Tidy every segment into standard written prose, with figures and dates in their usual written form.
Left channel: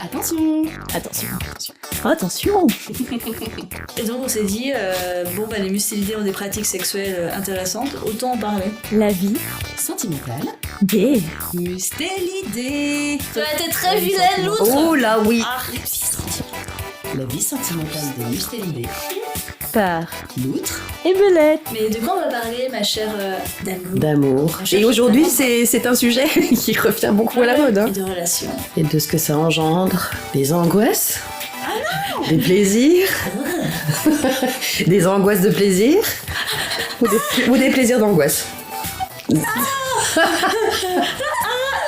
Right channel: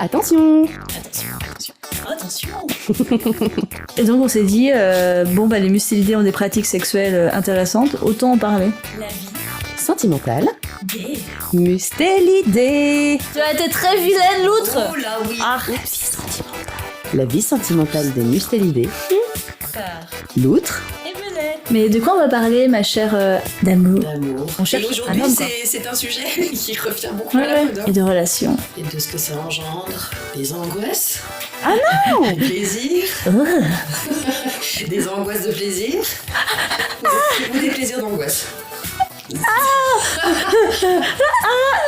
Attention. Attention. Et donc on s'est dit, les mustélidés ont des pratiques sexuelles intéressantes, autant en parler. La vie sentimentale Des mustélidés. Tu as été très vilaine, l'outre. Oh là oui. La vie sentimentale des mustélidés. par L'outre et Belette. Mais de quoi on va parler, ma chère d'amour? d'amour. On cherche Et aujourd'hui, un homme, quoi. c'est un sujet qui revient beaucoup à la mode. Hein. Et de relations. Et de ce que ça engendre. Des angoisses. Ah non. Des plaisirs. Des angoisses de plaisir. Ou des plaisirs d'angoisse.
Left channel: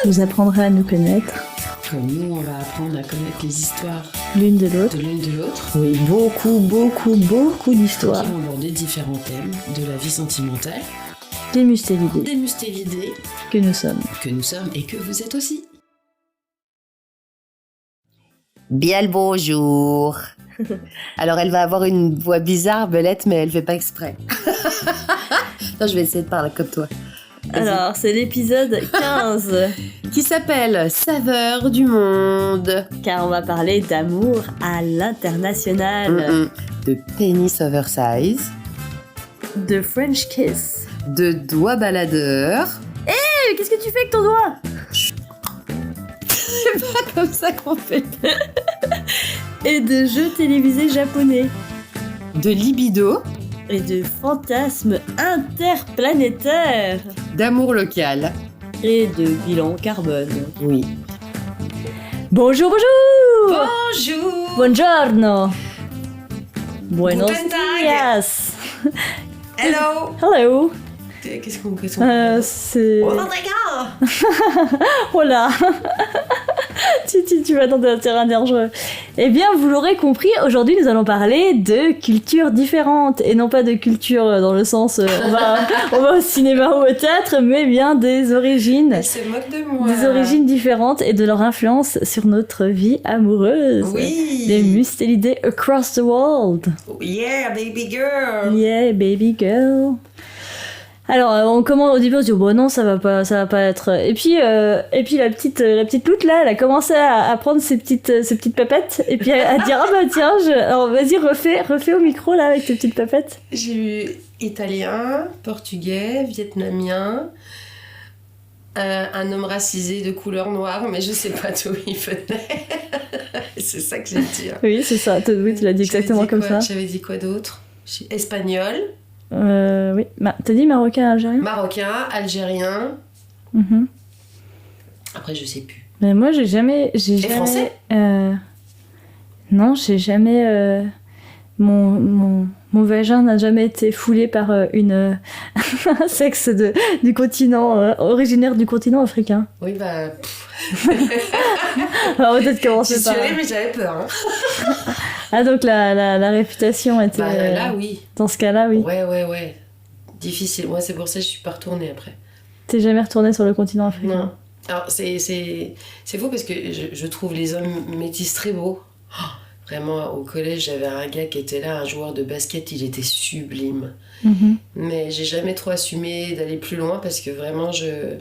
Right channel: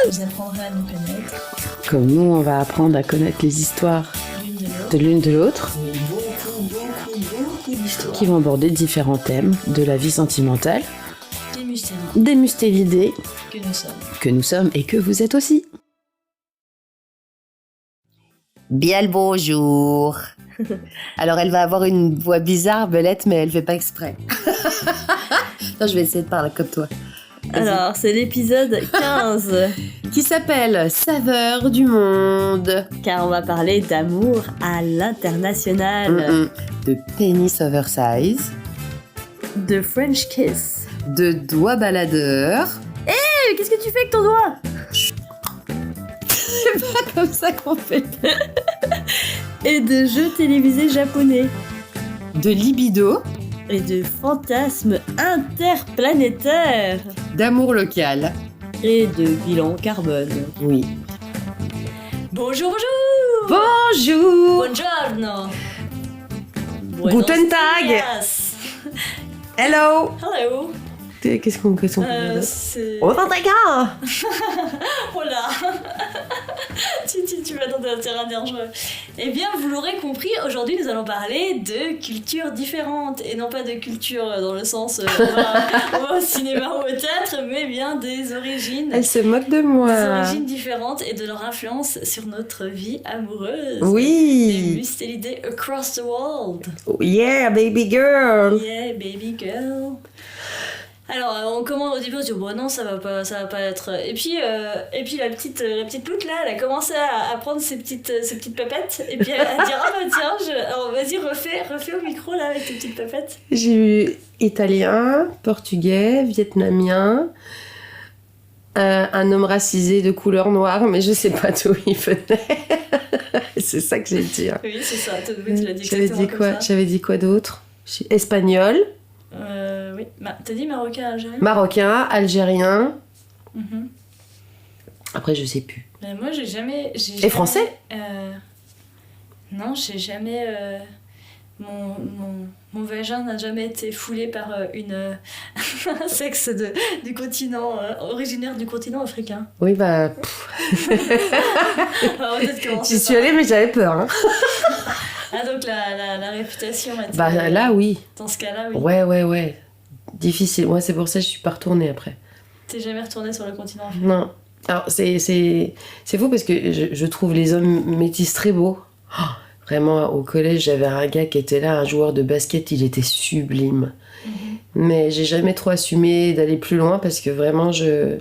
Vous apprendrez à nous connaître Comme nous, on va apprendre à connaître les histoires l'une de l'autre. de l'une de l'autre. Oui, beaucoup d'histoires. Qui vont aborder différents thèmes de la vie sentimentale. Des mustélidés Des mustélidés que nous sommes. que nous sommes et que vous êtes aussi. Bien le bonjour. Alors elle va avoir une voix bizarre, Belette, mais elle fait pas exprès. Non, je vais essayer de parler comme toi. Alors, c'est l'épisode 15, Qui s'appelle Saveur du monde. car on va parler d'amour à l'international, De pénis oversize, de French kiss. de doigts baladeurs. Mais qu'est-ce que tu fais avec ton doigt? Comme ça qu'on fait. Et de jeux télévisés japonais. De libido, Et de fantasmes interplanétaires. d'amour local. Et de bilan carbone. Oui. Bonjour. Bonjour. Buongiorno. Buenos Guten Tag. dias. Hello. Hello. Qu'est-ce qu'on peut C'est... Oh, d'accord. Oh là. Tu vas dans un terrain dangereux. Eh bien, vous l'aurez compris, aujourd'hui nous allons parler de cultures différentes. Et non pas de culture dans le sens on va au cinéma ou au théâtre, mais bien des origines. Elle se moque de moi. Des origines différentes et de leur influence sur notre vie amoureuse. Oui. Les mustélidés across the world. Yeah, baby girl. Yeah, baby girl. Alors, on commence au début, on se dit bon non, ça va pas être. Et puis la petite loutre là, elle a commencé à prendre ses petites papettes et puis à dire ah bah tiens, alors vas-y refais au micro là avec tes petites papettes. J'ai eu italien, portugais, vietnamien, un homme racisé de couleur noire, mais je sais pas d'où il venait. C'est ça que j'ai dit. Hein. Oui, c'est ça. Oui, tu l'as dit exactement comme ça. J'avais dit quoi d'autre? Espagnol. Oui. T'as dit marocain, algérien? Marocain, algérien. Mhm. Après, je sais plus. Mais moi, j'ai jamais. Et français? Non, j'ai jamais. Mon vagin n'a jamais été foulé par un sexe du continent, originaire du continent africain. Oui, bah. Alors peut-être commencer J'y suis allée, mais j'avais peur. Hein. Ah, donc la réputation était. Bah là, oui. Dans ce cas-là, oui. Ouais. Difficile. Ouais, c'est pour ça que je suis pas retournée après. T'es jamais retournée sur le continent africain? Non. Alors, c'est faux parce que je trouve les hommes métis très beaux. Oh, vraiment, au collège, j'avais un gars qui était là, un joueur de basket, il était sublime. Mhm. Mais j'ai jamais trop assumé d'aller plus loin parce que vraiment, j'ai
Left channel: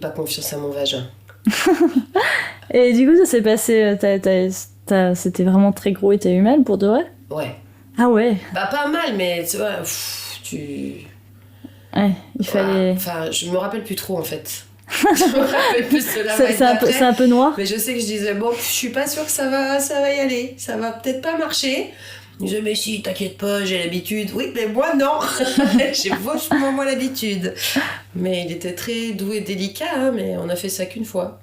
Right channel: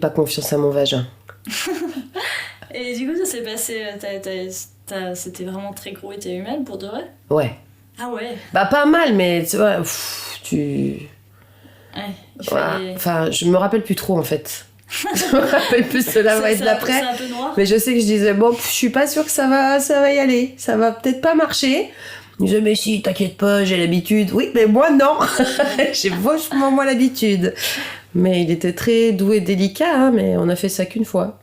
pas confiance à mon vagin. Et du coup, ça s'est passé. C'était vraiment très gros et t'as eu mal pour de vrai? Ouais. Ah ouais. Bah, pas mal, mais tu vois, Ouais, il fallait. Enfin, je me rappelle plus trop en fait. Je me rappelle plus de la vibe d'après. C'est un peu noir. Mais je sais que je disais, bon, je suis pas sûre que ça va y aller. Ça va peut-être pas marcher. Je disais, mais si, t'inquiète pas, j'ai l'habitude. Oui, mais moi, non. J'ai vachement moins l'habitude. Mais il était très doux et délicat, hein, mais on a fait ça qu'une fois.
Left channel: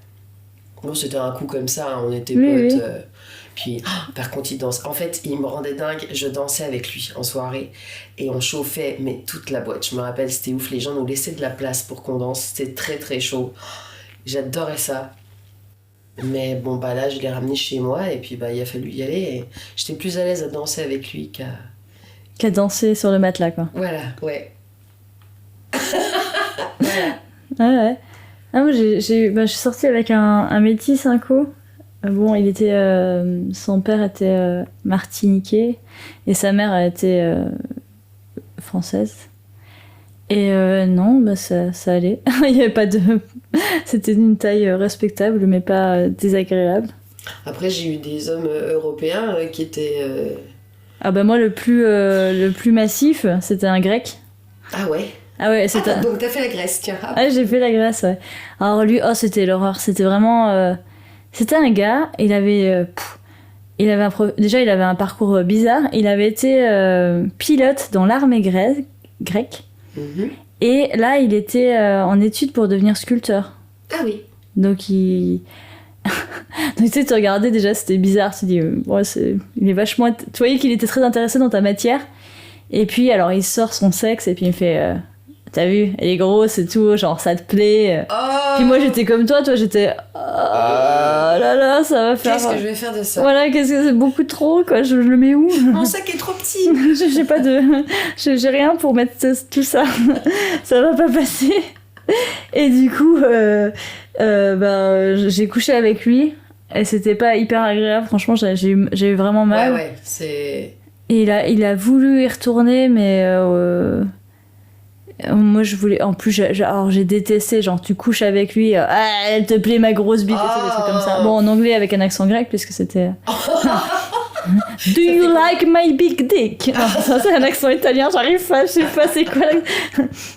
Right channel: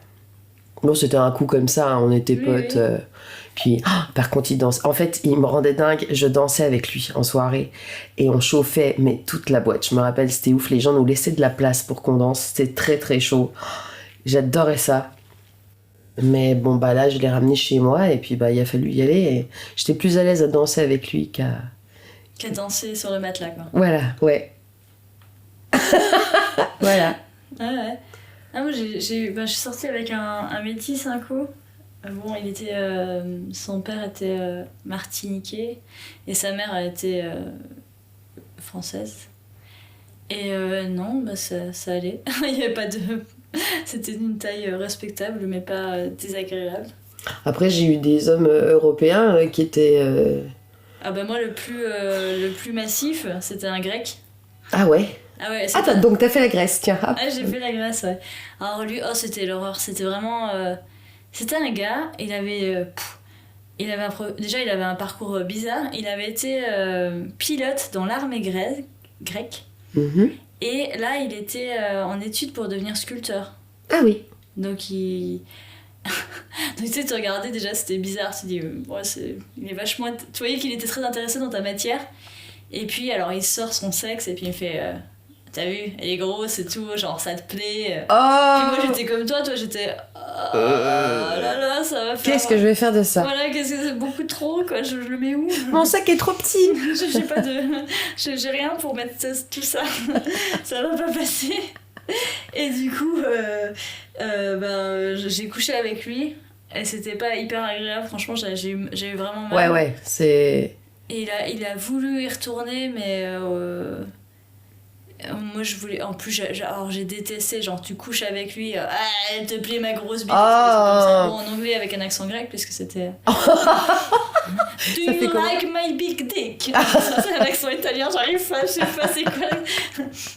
Bon, c'était un coup comme ça, hein, on était Oui, potes. oui. Puis, par contre, il danse. En fait, il me rendait dingue. Je dansais avec lui en soirée. Et on chauffait, mais toute la boîte. Je me rappelle, c'était ouf. Les gens nous laissaient de la place pour qu'on danse. C'était très, très chaud. J'adorais ça. Mais bon, bah là, je l'ai ramené chez moi. Et puis, bah, il a fallu y aller. Et j'étais plus à l'aise à danser avec lui Qu'à danser sur le matelas, quoi. Voilà, ouais. Voilà. Ah ouais. Ah, moi, je suis sortie avec un métis un coup. Bon, son père était martiniquais et sa mère était française. Et non, bah ça allait. Il n'y avait pas de C'était une taille respectable, mais pas désagréable. Après, j'ai eu des hommes européens qui étaient... Ah bah moi, le plus massif, c'était un grec. Ah ouais. Ah ouais, c'était... Donc t'as fait la Grèce, tiens. Hop. Ah, j'ai fait la Grèce, ouais. Alors lui, c'était l'horreur. C'était vraiment... C'était un gars, il avait déjà, il avait un parcours bizarre. Il avait été pilote dans l'armée grecque. Mhm. Et là, il était en études pour devenir sculpteur. Ah oui. Donc, Donc, tu sais, tu regardais déjà, c'était bizarre. Tu te dis, ouais, il est vachement... Tu voyais qu'il était très intéressé dans ta matière. Et puis, alors, il sort son sexe et puis il me fait... T'as vu, elle est grosse et tout, genre ça te plaît. Oh. Puis moi j'étais comme toi j'étais... Oh là là, ça va faire... Qu'est-ce que je vais faire de ça? Voilà, qu'est-ce que c'est beaucoup trop, quoi. Je le mets où? Mon sac est trop petit. J'ai pas de... J'ai rien pour mettre tout ça. Ça va pas passer. Et du coup, j'ai couché avec lui. Et c'était pas hyper agréable, franchement, j'ai eu vraiment mal. Ouais, c'est... Et il a voulu y retourner, mais... moi je voulais, en plus alors j'ai détesté, genre tu couches avec lui, elle te plaît ma grosse bite, des trucs comme ça. Bon, en anglais avec un accent grec puisque c'était Do you like my big dick? Ça c'est un accent italien, j'arrive pas, je sais pas c'est quoi.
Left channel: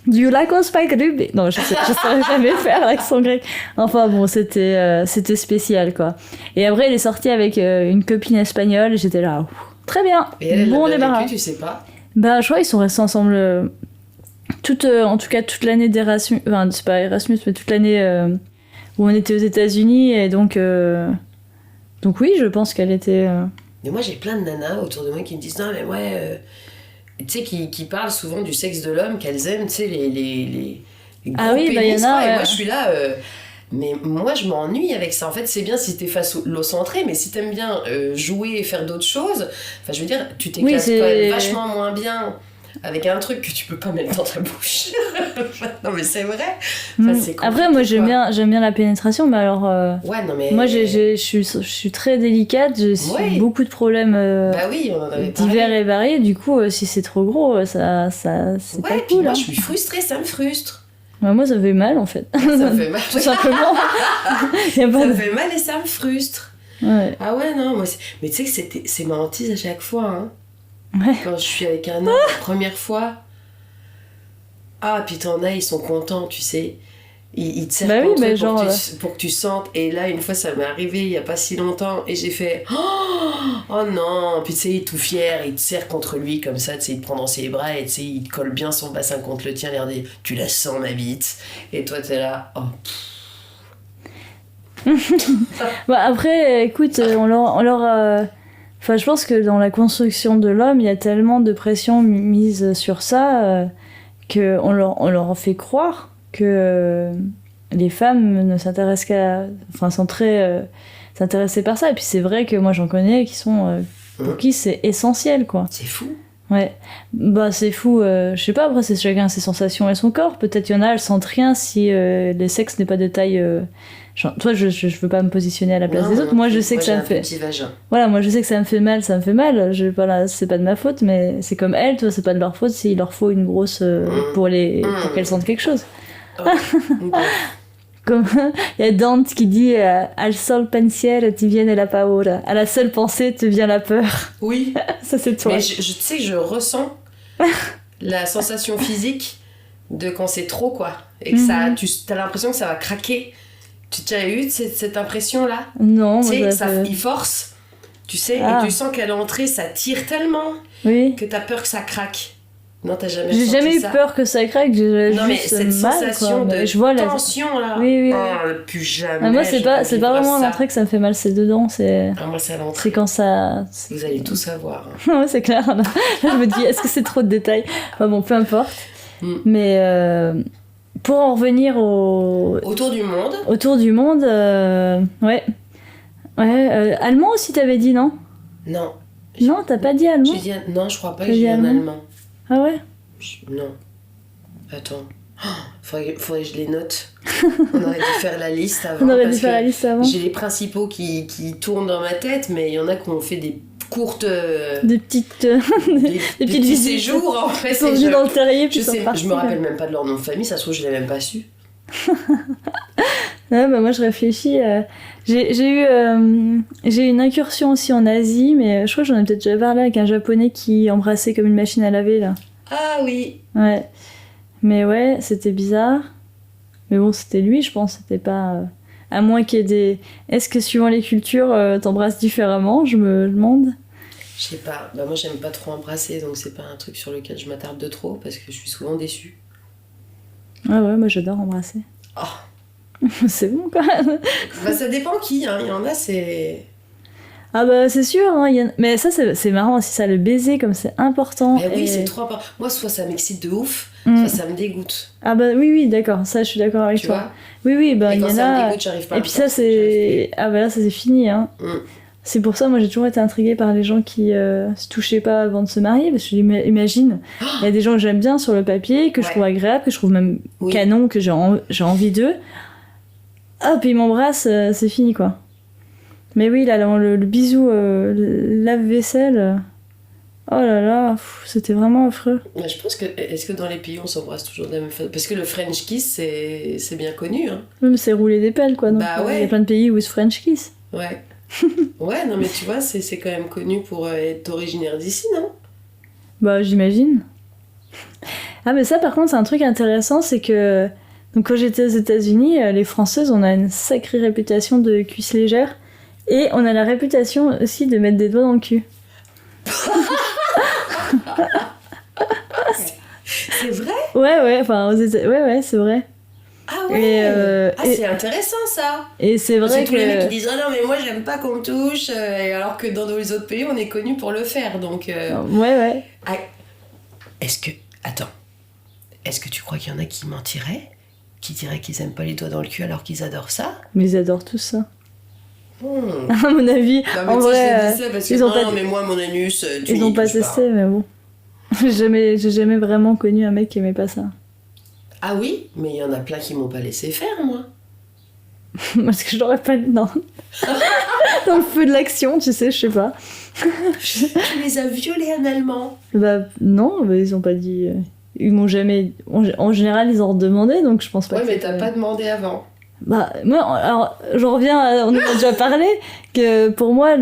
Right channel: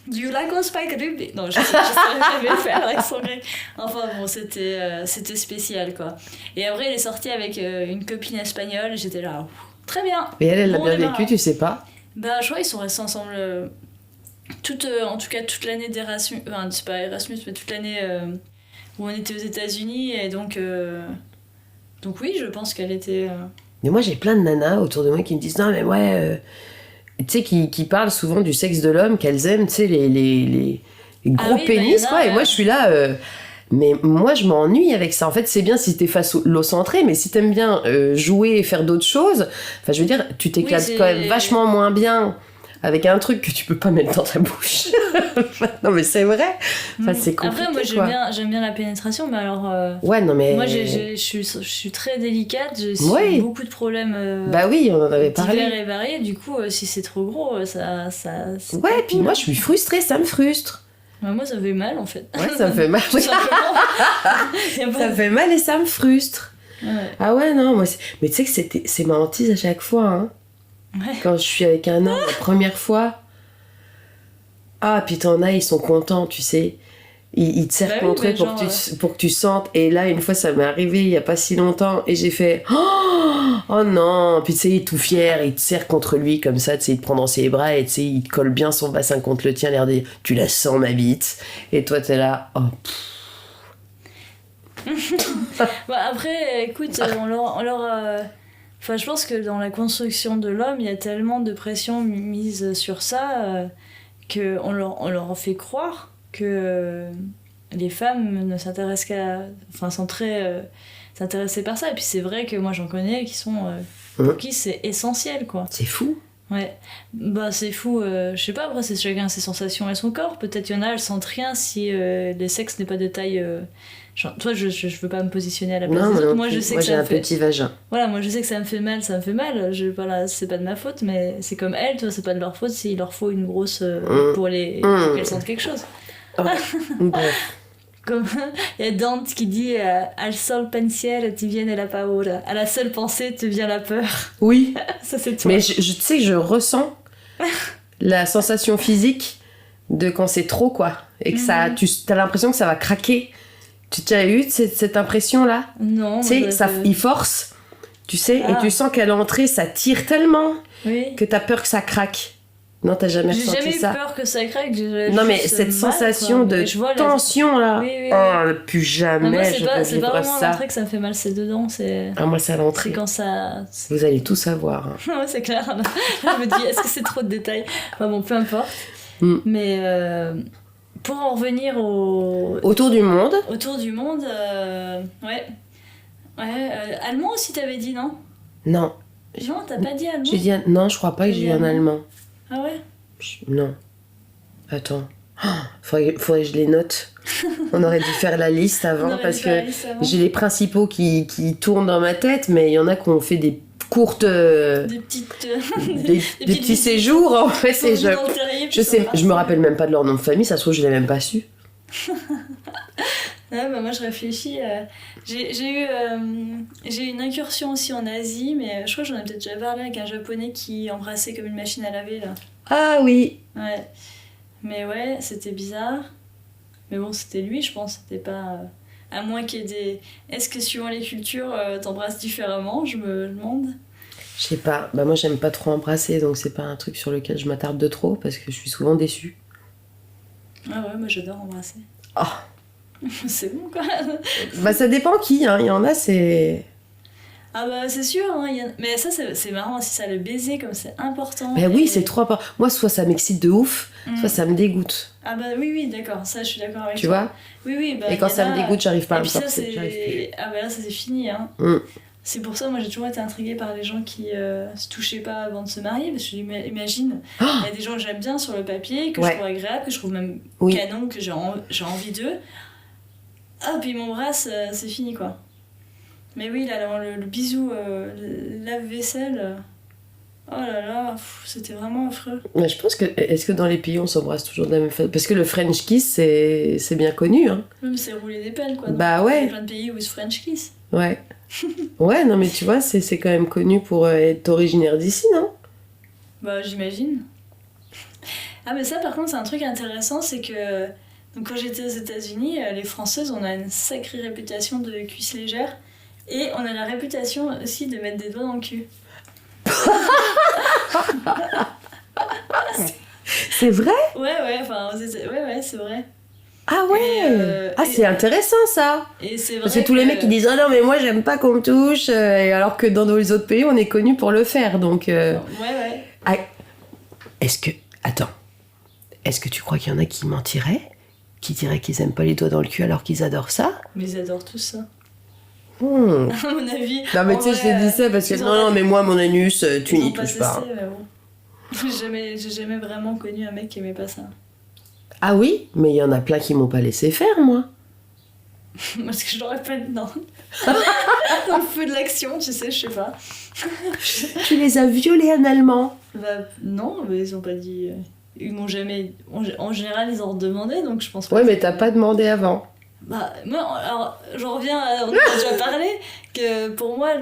Do you like my spike ruby? Non, je saurais jamais faire l'accent grec. Enfin bon, c'était spécial quoi. Et après il est sorti avec une copine espagnole et j'étais là, très bien. Et elle bon, a bien vécu, tu sais pas? Bah je crois qu'ils sont restés ensemble en tout cas toute l'année d'Erasmus, enfin c'est pas Erasmus mais toute l'année où on était aux États-Unis et donc oui, je pense qu'elle était Mais moi j'ai plein de nanas autour de moi qui me disent non mais ouais tu sais qui parlent souvent du sexe de l'homme qu'elles aiment, tu sais les gros pénis quoi, et moi je suis là mais moi je m'ennuie avec ça. En fait c'est bien si t'es phallocentré, mais si t'aimes bien jouer et faire d'autres choses, enfin je veux dire tu t'éclates quand même vachement moins bien avec un truc que tu peux pas mettre dans ta bouche. Non mais c'est vrai. Enfin, c'est compliqué. Après moi j'aime bien la pénétration, mais alors ouais non mais moi je suis très délicate, j'ai beaucoup de problèmes bah oui, on en avait parlé, divers et variés. Du coup si c'est trop gros ça c'est ouais, pas puis cool, moi je suis frustrée, ça me frustre. Ouais, moi ça fait mal en fait. Ouais, ça me fait mal tout simplement. Ça me fait mal et ça me frustre. Ouais. Ah ouais non moi mais tu sais que c'est ma hantise à chaque fois hein. Ouais. Quand je suis avec un homme la première fois, puis t'en as, ils sont contents, tu sais. Ils te serrent contre eux pour que tu sentes. Et là, une fois, ça m'est arrivé il y a pas si longtemps, et j'ai fait oh non. Puis tu sais, il est tout fier, il te serre contre lui comme ça, tu sais, il te prend dans ses bras et tu sais, il te colle bien son bassin contre le tien, l'air de dire tu la sens ma bite. Et toi, t'es là, Bah après, écoute, on leur Enfin, je pense que dans la construction de l'homme, il y a tellement de pression mise sur ça qu'on leur fait croire que les femmes ne s'intéressent sont très s'intéressées par ça. Et puis c'est vrai que moi j'en connais qui sont pour qui c'est essentiel quoi. C'est fou. Ouais, bah c'est fou. Je sais pas, après c'est chacun ses sensations et son corps. Peut-être il y en a, elles sentent rien si le sexe n'est pas de taille. Toi, je veux pas me positionner à la place des autres. Moi, je sais que ça me fait. J'ai un petit vagin. Voilà, moi, je sais que ça me fait mal. C'est pas de ma faute, mais c'est comme elles, toi, c'est pas de leur faute s'il leur faut une grosse pour qu'elles sentent quelque chose. Comme il y a Dante qui dit al sol pensiero ti viene la paura. À la seule pensée te vient la peur. Oui. Ça, c'est toi. Mais tu sais, je ressens la sensation physique de quand c'est trop, quoi. Et que t'as l'impression que ça va craquer. Tu as eu cette impression-là? Non. Tu sais, il force, tu sais, et tu sens qu'à l'entrée, ça tire tellement que t'as peur que ça craque. Non, t'as jamais ressenti ça? J'ai jamais eu peur que ça craque. Non, mais cette sensation de tension, là. Oui. Plus jamais. Moi, c'est pas vraiment à l'entrée que ça me fait mal, c'est dedans. Moi, c'est à l'entrée. C'est quand ça... Vous allez tout savoir. Ouais, c'est clair. Je me dis, est-ce que c'est trop de détails? Bon, peu importe. Mais... Pour en revenir autour du monde. Autour du monde, ouais. Allemand aussi, t'avais dit, non? Non. Non, t'as pas dit allemand? Non, je crois pas que j'ai dit en allemand. Ah ouais? Non. Attends. Faudrait que je les note. On aurait dû faire la liste avant. Parce que j'ai les principaux qui tournent dans ma tête, mais il y en a qui ont fait des courtes des petits séjours en fait, dans le terrier, je me rappelle même pas de leur nom de famille, ça se trouve je l'ai même pas su. Ouais, bah moi je réfléchis. J'ai eu une incursion aussi en Asie, mais je crois que j'en ai peut-être déjà parlé avec un japonais qui embrassait comme une machine à laver là. Ah oui. Ouais. Mais ouais, c'était bizarre. Mais bon, c'était lui, je pense. C'était pas. À moins qu'il y ait des. Est-ce que suivant les cultures, t'embrasses différemment? Je me demande. Je sais pas. Bah moi j'aime pas trop embrasser, donc c'est pas un truc sur lequel je m'attarde de trop parce que je suis souvent déçue. Ah ouais, moi j'adore embrasser. Oh. C'est bon quoi. Bah ça dépend qui, hein. Il y en a c'est. Ah bah c'est sûr, hein, mais ça c'est marrant aussi, ça, le baiser comme c'est important. Bah oui, et- c'est trop important. Moi soit ça m'excite de ouf, soit ça me dégoûte. Ah bah oui, d'accord, ça je suis d'accord avec Tu toi. vois. Oui, bah Et il y quand en ça a... me dégoûte, j'arrive pas à Et me puis ça forcer, j'arrive c'est... Ah bah là ça c'est fini, hein. C'est pour ça, moi j'ai toujours été intriguée par les gens qui se touchaient pas avant de se marier, parce que j'imagine, il y a des gens que j'aime bien sur le papier, que je Ouais. trouve agréable, que je trouve même Oui. canon, que j'ai envie d'eux. Hop, ils m'embrassent, c'est fini quoi. Mais oui, là, le bisou, le lave-vaisselle, oh là là, c'était vraiment affreux. Mais je pense que. Est-ce que dans les pays on s'embrasse toujours de la même façon? Parce que le French kiss c'est bien connu, hein. Même c'est rouler des pelles quoi. Donc, Bah ouais. Il y a plein de pays où ils se French kiss. Ouais. Ouais, non mais tu vois, c'est quand même connu pour être originaire d'ici, non? Bah j'imagine. Ah mais ça par contre c'est un truc intéressant, c'est que donc quand j'étais aux États-Unis, les Françaises on a une sacrée réputation de cuisse légère et on a la réputation aussi de mettre des doigts dans le cul. C'est vrai? Ouais, enfin ouais c'est vrai. Ah ouais. Et, c'est intéressant ça. Et c'est vrai Parce que tous les que- mecs qui disent oh non mais moi j'aime pas qu'on me touche, et alors que dans les autres pays on est connu pour le faire, donc. Ouais. Ah, est-ce que attends, est-ce que tu crois qu'il y en a qui mentiraient, qui diraient qu'ils aiment pas les doigts dans le cul alors qu'ils adorent ça? Mais ils adorent tout ça. Hmm. À mon avis. Non mais en tu sais, vrai, je te dis ça parce que ils ont pas- non mais moi mon anus, tu Ils n'y n'ont pas touches pas. testé, mais bon. J'ai jamais vraiment connu un mec qui aimait pas ça. Ah oui, mais il y en a plein qui m'ont pas laissé faire moi. Parce que je l'aurais pas dit, non. Dans le feu de l'action, tu sais, je sais pas. Tu les as violés analement. Bah non, mais ils ont pas dit... Ils m'ont jamais... En général, ils en demandaient, donc je pense pas Ouais, que mais c'était- t'as pas demandé avant. Bah, moi, alors, j'en reviens on en a déjà parlé, que pour moi,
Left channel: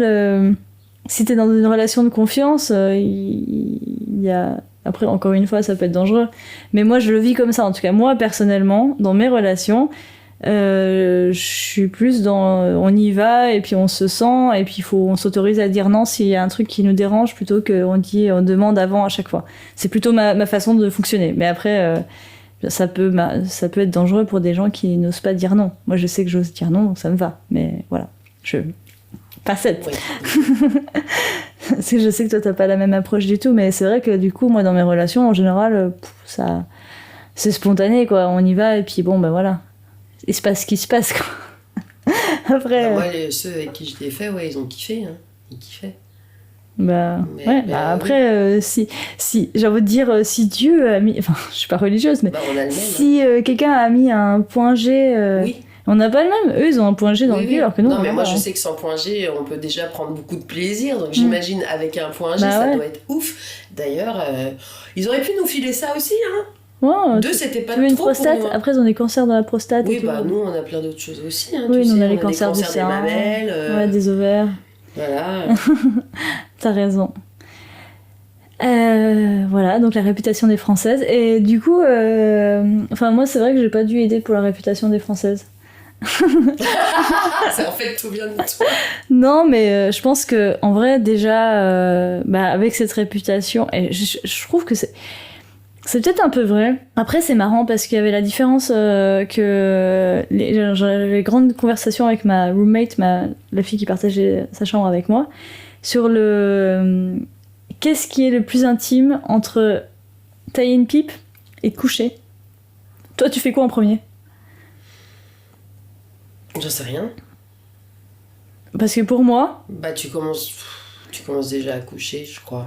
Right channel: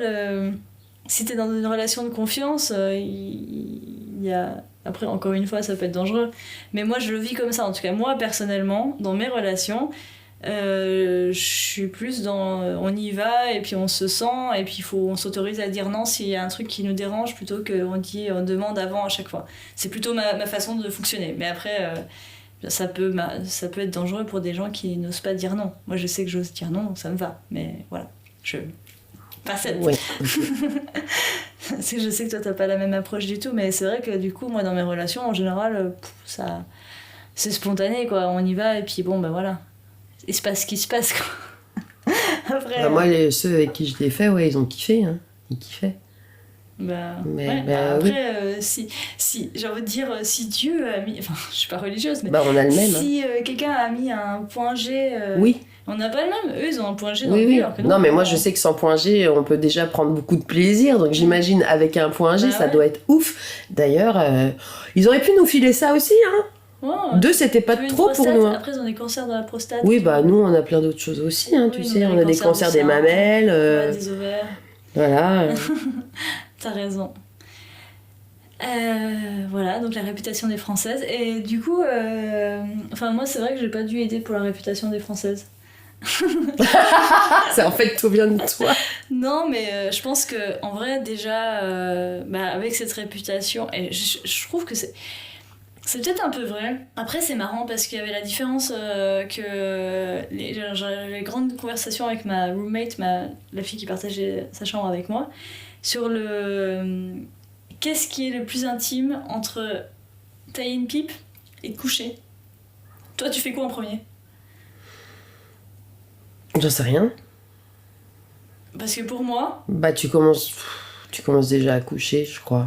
si t'es dans une relation de confiance, il y a... Après, encore une fois, ça peut être dangereux. Mais moi, je le vis comme ça. En tout cas, moi, personnellement, dans mes relations, je suis plus dans... on y va, et puis on se sent, et puis on s'autorise à dire non s'il y a un truc qui nous dérange, plutôt qu'on demande avant à chaque fois. C'est plutôt ma façon de fonctionner. Mais après... ça peut être dangereux pour des gens qui n'osent pas dire non. Moi, je sais que j'ose dire non, donc ça me va. Mais voilà, pas cette. Oui. Parce que je sais que toi, t'as pas la même approche du tout, mais c'est vrai que du coup, moi, dans mes relations, en général, ça, c'est spontané, quoi. On y va, et puis bon, ben voilà. Il se passe ce qui se passe, quoi. Après... Bah, moi, ceux avec qui je l'ai fait, ouais, ils ont kiffé, hein. Ils kiffaient. Bah, Mais- ouais, bah, bah, après, si j'ai envie de dire, si Dieu a mis... Enfin, je suis pas religieuse, mais Bah, on a le même. hein. si quelqu'un a mis un point G... Oui. On n'a pas le même. Eux, ils ont un point G dans Oui, le oui. cul, alors que nous... Non, on mais a moi, pas, je hein. sais que sans point G, on peut déjà prendre beaucoup de plaisir. Donc, j'imagine avec un point G, Bah ça ouais. doit être ouf. D'ailleurs, ils auraient pu nous filer ça aussi, hein. Ouais, Deux, c'était pas tu veux une trop pour prostate. nous. hein. Après, ils ont des cancers dans la prostate. Oui, et tout. bah, nous, on a plein d'autres choses aussi, hein. Oui, Tu nous, sais, on a on les a des cancers cancers du des sein, mamelles. Ouais, des ovaires. Voilà. T'as raison. Voilà, donc la réputation des Françaises. Et du coup, enfin, moi, c'est vrai que j'ai pas dû aider pour la réputation des Françaises. En fait, tout vient de toi. Non, mais je pense que en vrai, déjà, avec cette réputation, et je trouve que c'est peut-être un peu vrai. Après, c'est marrant parce qu'il y avait la différence que j'avais grande conversation avec ma roommate, la fille qui partageait sa chambre avec moi, sur qu'est-ce qui est le plus intime entre tailler une pipe et te coucher. Toi, tu fais quoi en premier? J'en sais rien. Parce que pour moi, Bah, tu commences déjà à coucher, je crois.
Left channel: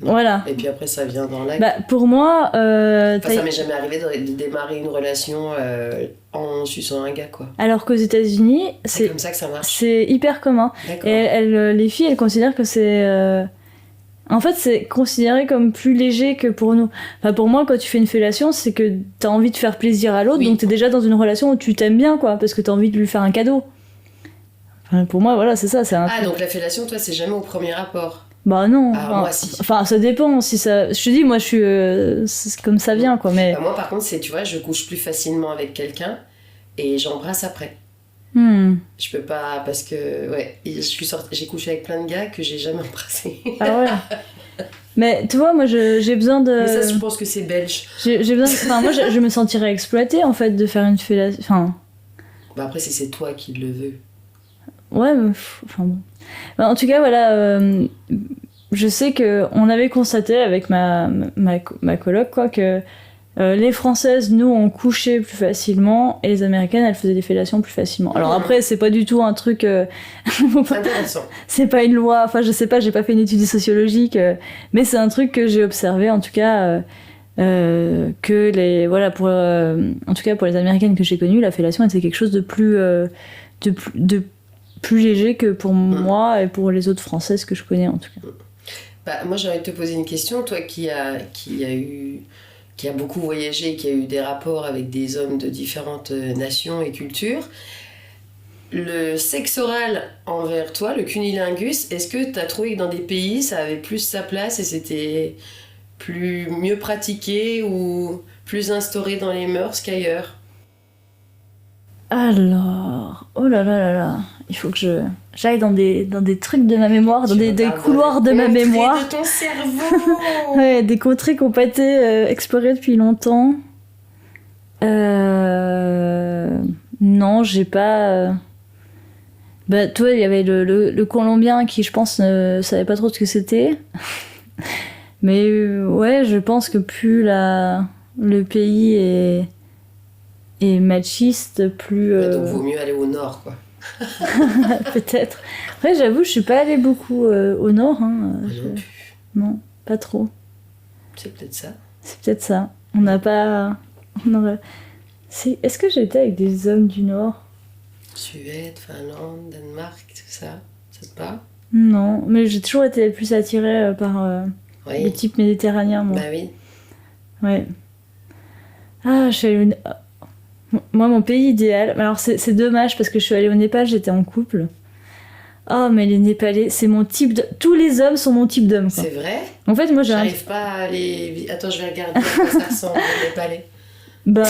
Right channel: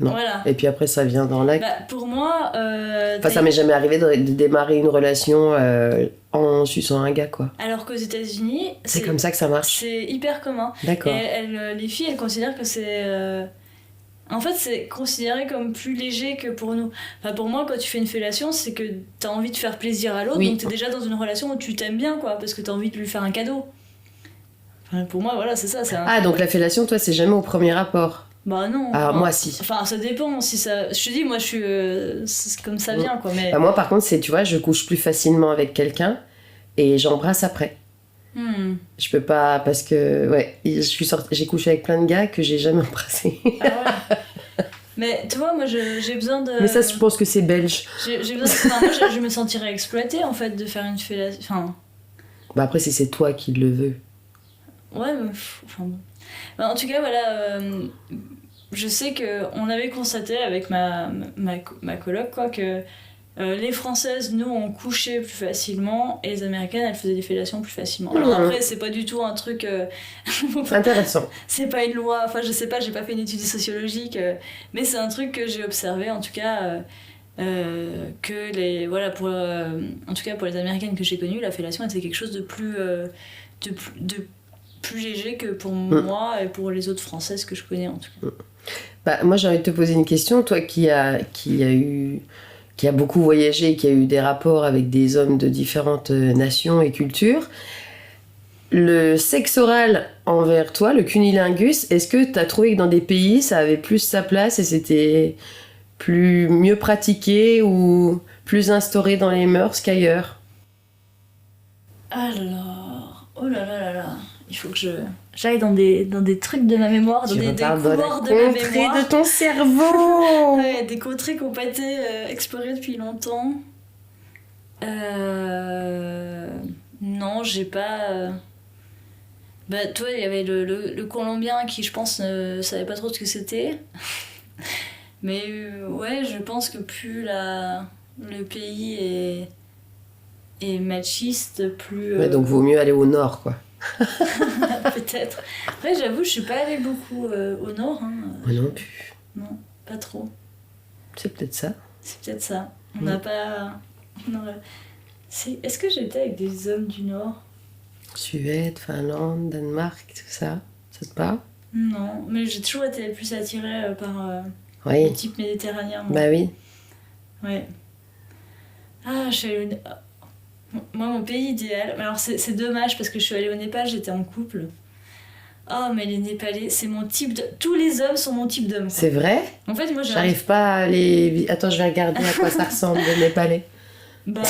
Non. voilà. Et puis après, ça vient dans l'acte. Bah, pour moi, Enfin, ça m'est jamais arrivé de démarrer une relation en suçant un gars, quoi. alors qu'aux États-Unis, C'est comme ça que ça marche. c'est hyper commun. D'accord. Et les filles, elles considèrent que c'est En fait, c'est considéré comme plus léger que pour nous. Enfin, pour moi, quand tu fais une fellation, c'est que t'as envie de faire plaisir à l'autre, Oui. donc t'es déjà dans une relation où tu t'aimes bien, quoi, parce que t'as envie de lui faire un cadeau. Enfin, pour moi, voilà, c'est ça. C'est un... Ah, donc la fellation, toi, c'est jamais au premier rapport. Bah non. Ah, enfin, moi, si. Enfin, ça dépend. Si ça... Je te dis, moi, je suis... c'est comme ça vient, quoi, mais... Bah, moi, par contre, c'est, tu vois, je couche plus facilement avec quelqu'un et j'embrasse après. Je peux pas, parce que, ouais, j'ai couché avec plein de gars que j'ai jamais embrassé. Ah ouais. Mais tu vois, moi, j'ai besoin de... Mais ça, je pense que c'est belge. J'ai besoin de... Enfin, moi, je me sentirais exploitée, en fait, de faire une fellation... Enfin... Bah après, si c'est toi qui le veux. Ouais, mais... Enfin bon. En tout cas, voilà... je sais qu'on avait constaté avec ma coloc, quoi, que les Françaises, nous, on couchait plus facilement et les Américaines, elles faisaient des fellations plus facilement. Alors après, c'est pas du tout un truc... Intéressant. C'est pas une loi, enfin je sais pas, j'ai pas fait une étude sociologique, mais c'est un truc que j'ai observé, en tout cas, que les... Voilà, en tout cas pour les Américaines que j'ai connues, la fellation était quelque chose de plus léger que pour moi et pour les autres Françaises que je connais, en tout cas. Bah, moi, j'ai envie de te poser une question. Toi qui a beaucoup voyagé, qui a eu des rapports avec des hommes de différentes nations et cultures, le sexe oral envers toi, le cunilingus, est-ce que tu as trouvé que dans des pays, ça avait plus sa place et c'était mieux pratiqué ou plus instauré dans les mœurs qu'ailleurs? Alors... Oh là là là là... Il faut que j'aille dans des trucs de ma mémoire, dans des couloirs de ma mémoire. De ton cerveau. Ouais, des contrées qui n'ont pas été explorées depuis longtemps. Non, j'ai pas... Bah, toi, il y avait le Colombien qui, je pense, ne savait pas trop ce que c'était. Mais ouais, je pense que plus le pays est machiste, plus... Ouais, donc vaut mieux aller au nord, quoi. Peut-être. Après, j'avoue, je suis pas allée beaucoup au nord. Hein. Moi non plus. Non, pas trop. C'est peut-être ça. C'est peut-être ça. On n'a pas... Est-ce que j'ai été avec des hommes du nord? Suède, Finlande, Danemark, tout ça. Ça te parle? Non, mais j'ai toujours été plus attirée par Oui. le type méditerranéen, moi. Bah oui. Ouais. Ah, je suis allée Moi, mon pays idéal... Alors, c'est dommage, parce que je suis allée au Népal, j'étais en couple. Oh, mais les Népalais, c'est mon type de... Tous les hommes sont mon type d'homme, quoi. C'est vrai? En fait, moi, J'arrive pas à les... Attends, je vais regarder à quoi ça ressemble, les Népalais. Bah...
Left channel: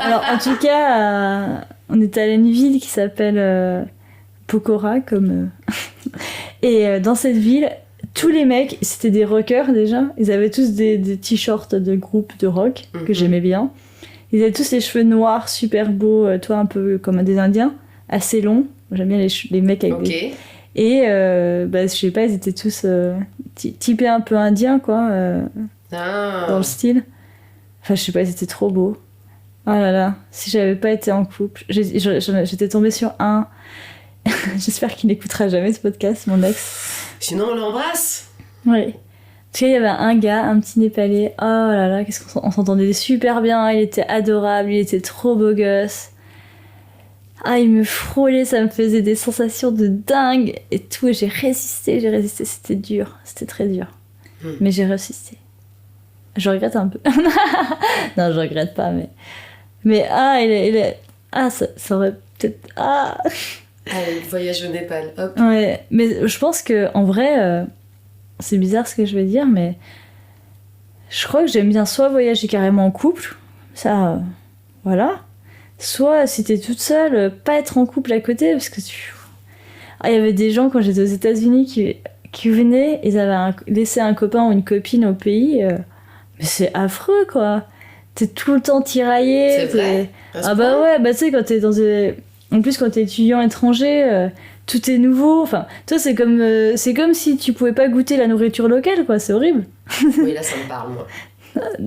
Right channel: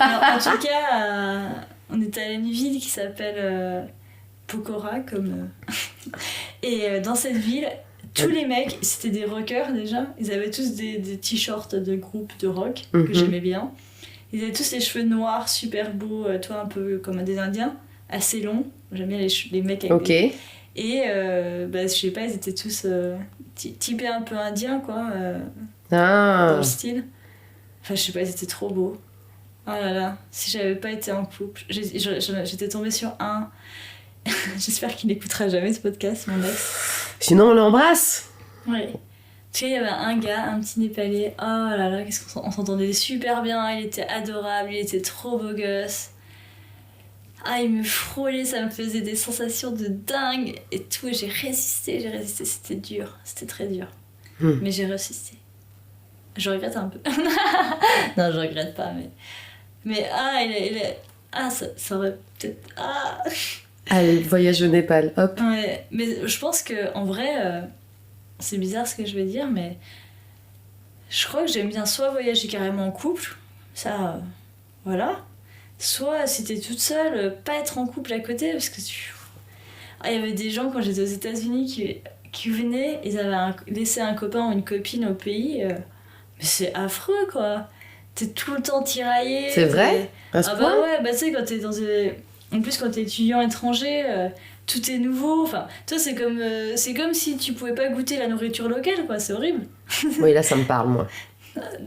alors, en tout cas, on était allé à une ville qui s'appelle Pokhara, comme... Et dans cette ville... Tous les mecs, c'était des rockers déjà. Ils avaient tous des t-shirts de groupe de rock que j'aimais bien. Ils avaient tous les cheveux noirs, super beaux, toi un peu comme des Indiens, assez longs. J'aime bien les mecs avec des... Et bah, je sais pas, ils étaient tous typés un peu indiens, quoi, dans le style. Enfin, je sais pas, ils étaient trop beaux. Oh là là, si j'avais pas été en couple, j'étais tombée sur un... J'espère qu'il n'écoutera jamais ce podcast, mon ex. Sinon, on l'embrasse. Ouais. Tu sais, il y avait un gars, un petit Népalais. Oh là là, qu'est-ce qu'on s'entendait super bien. Il était adorable, il était trop beau gosse. Ah, il me frôlait, ça me faisait des sensations de dingue et tout. Et j'ai résisté. C'était dur, c'était très dur. Mais j'ai résisté. Je regrette un peu. Non, je regrette pas, mais ah, il est... Ah, ça aurait peut-être... Ah. Allez, voyage au Népal, hop. Ouais, mais je pense que en vrai, c'est bizarre ce que je vais dire, mais je crois que j'aime bien soit voyager carrément en couple, ça, voilà, soit si t'es toute seule, pas être en couple à côté, parce que il y avait des gens quand j'étais aux États-Unis qui venaient, ils avaient laissé un copain ou une copine au pays, mais c'est affreux, quoi. T'es tout le temps tiraillé. C'est vrai? Ah bah ouais, bah tu sais, quand t'es dans des... En plus, quand t'es étudiant étranger, tout est nouveau. Enfin, toi, c'est comme si tu pouvais pas goûter la nourriture locale, quoi. C'est horrible. Oui, là, ça me parle, moi.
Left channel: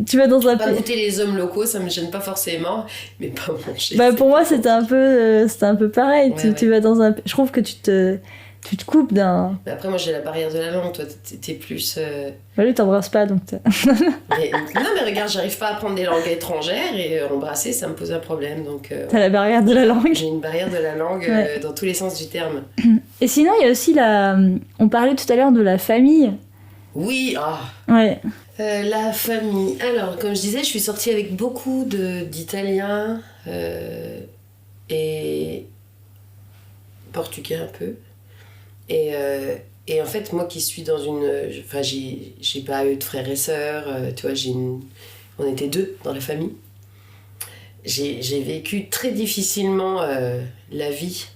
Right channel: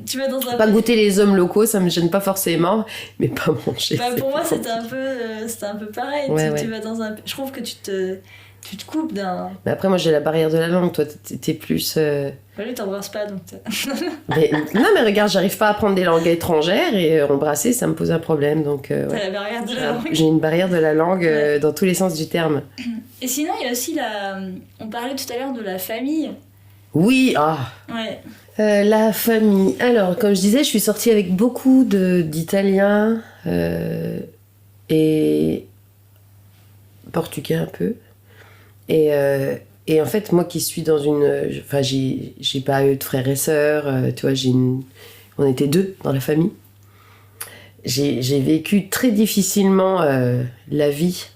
Tu vas dans un... Pas goûter les hommes locaux, ça me gêne pas forcément, mais pas manger. Bah, pour moi, c'était un peu pareil. Ouais, tu vas dans un... Je trouve que tu te coupes d'un... Mais après, moi, j'ai la barrière de la langue. Toi, t'es plus... Bah, lui, t'embrasses pas, donc... Non, mais regarde, j'arrive pas à apprendre des langues étrangères et embrasser, ça me pose un problème. Donc, T'as la barrière de la langue. J'ai une barrière de la langue dans tous les sens du terme. Et sinon, il y a aussi on parlait tout à l'heure de la famille. Oui, Ouais. la famille. Alors, comme je disais, je suis sortie avec beaucoup d'Italiens et portugais un peu. Et en fait, moi qui suis dans une... Enfin, j'ai pas eu de frères et sœurs, tu vois, on était 2 dans la famille. J'ai vécu très difficilement la vie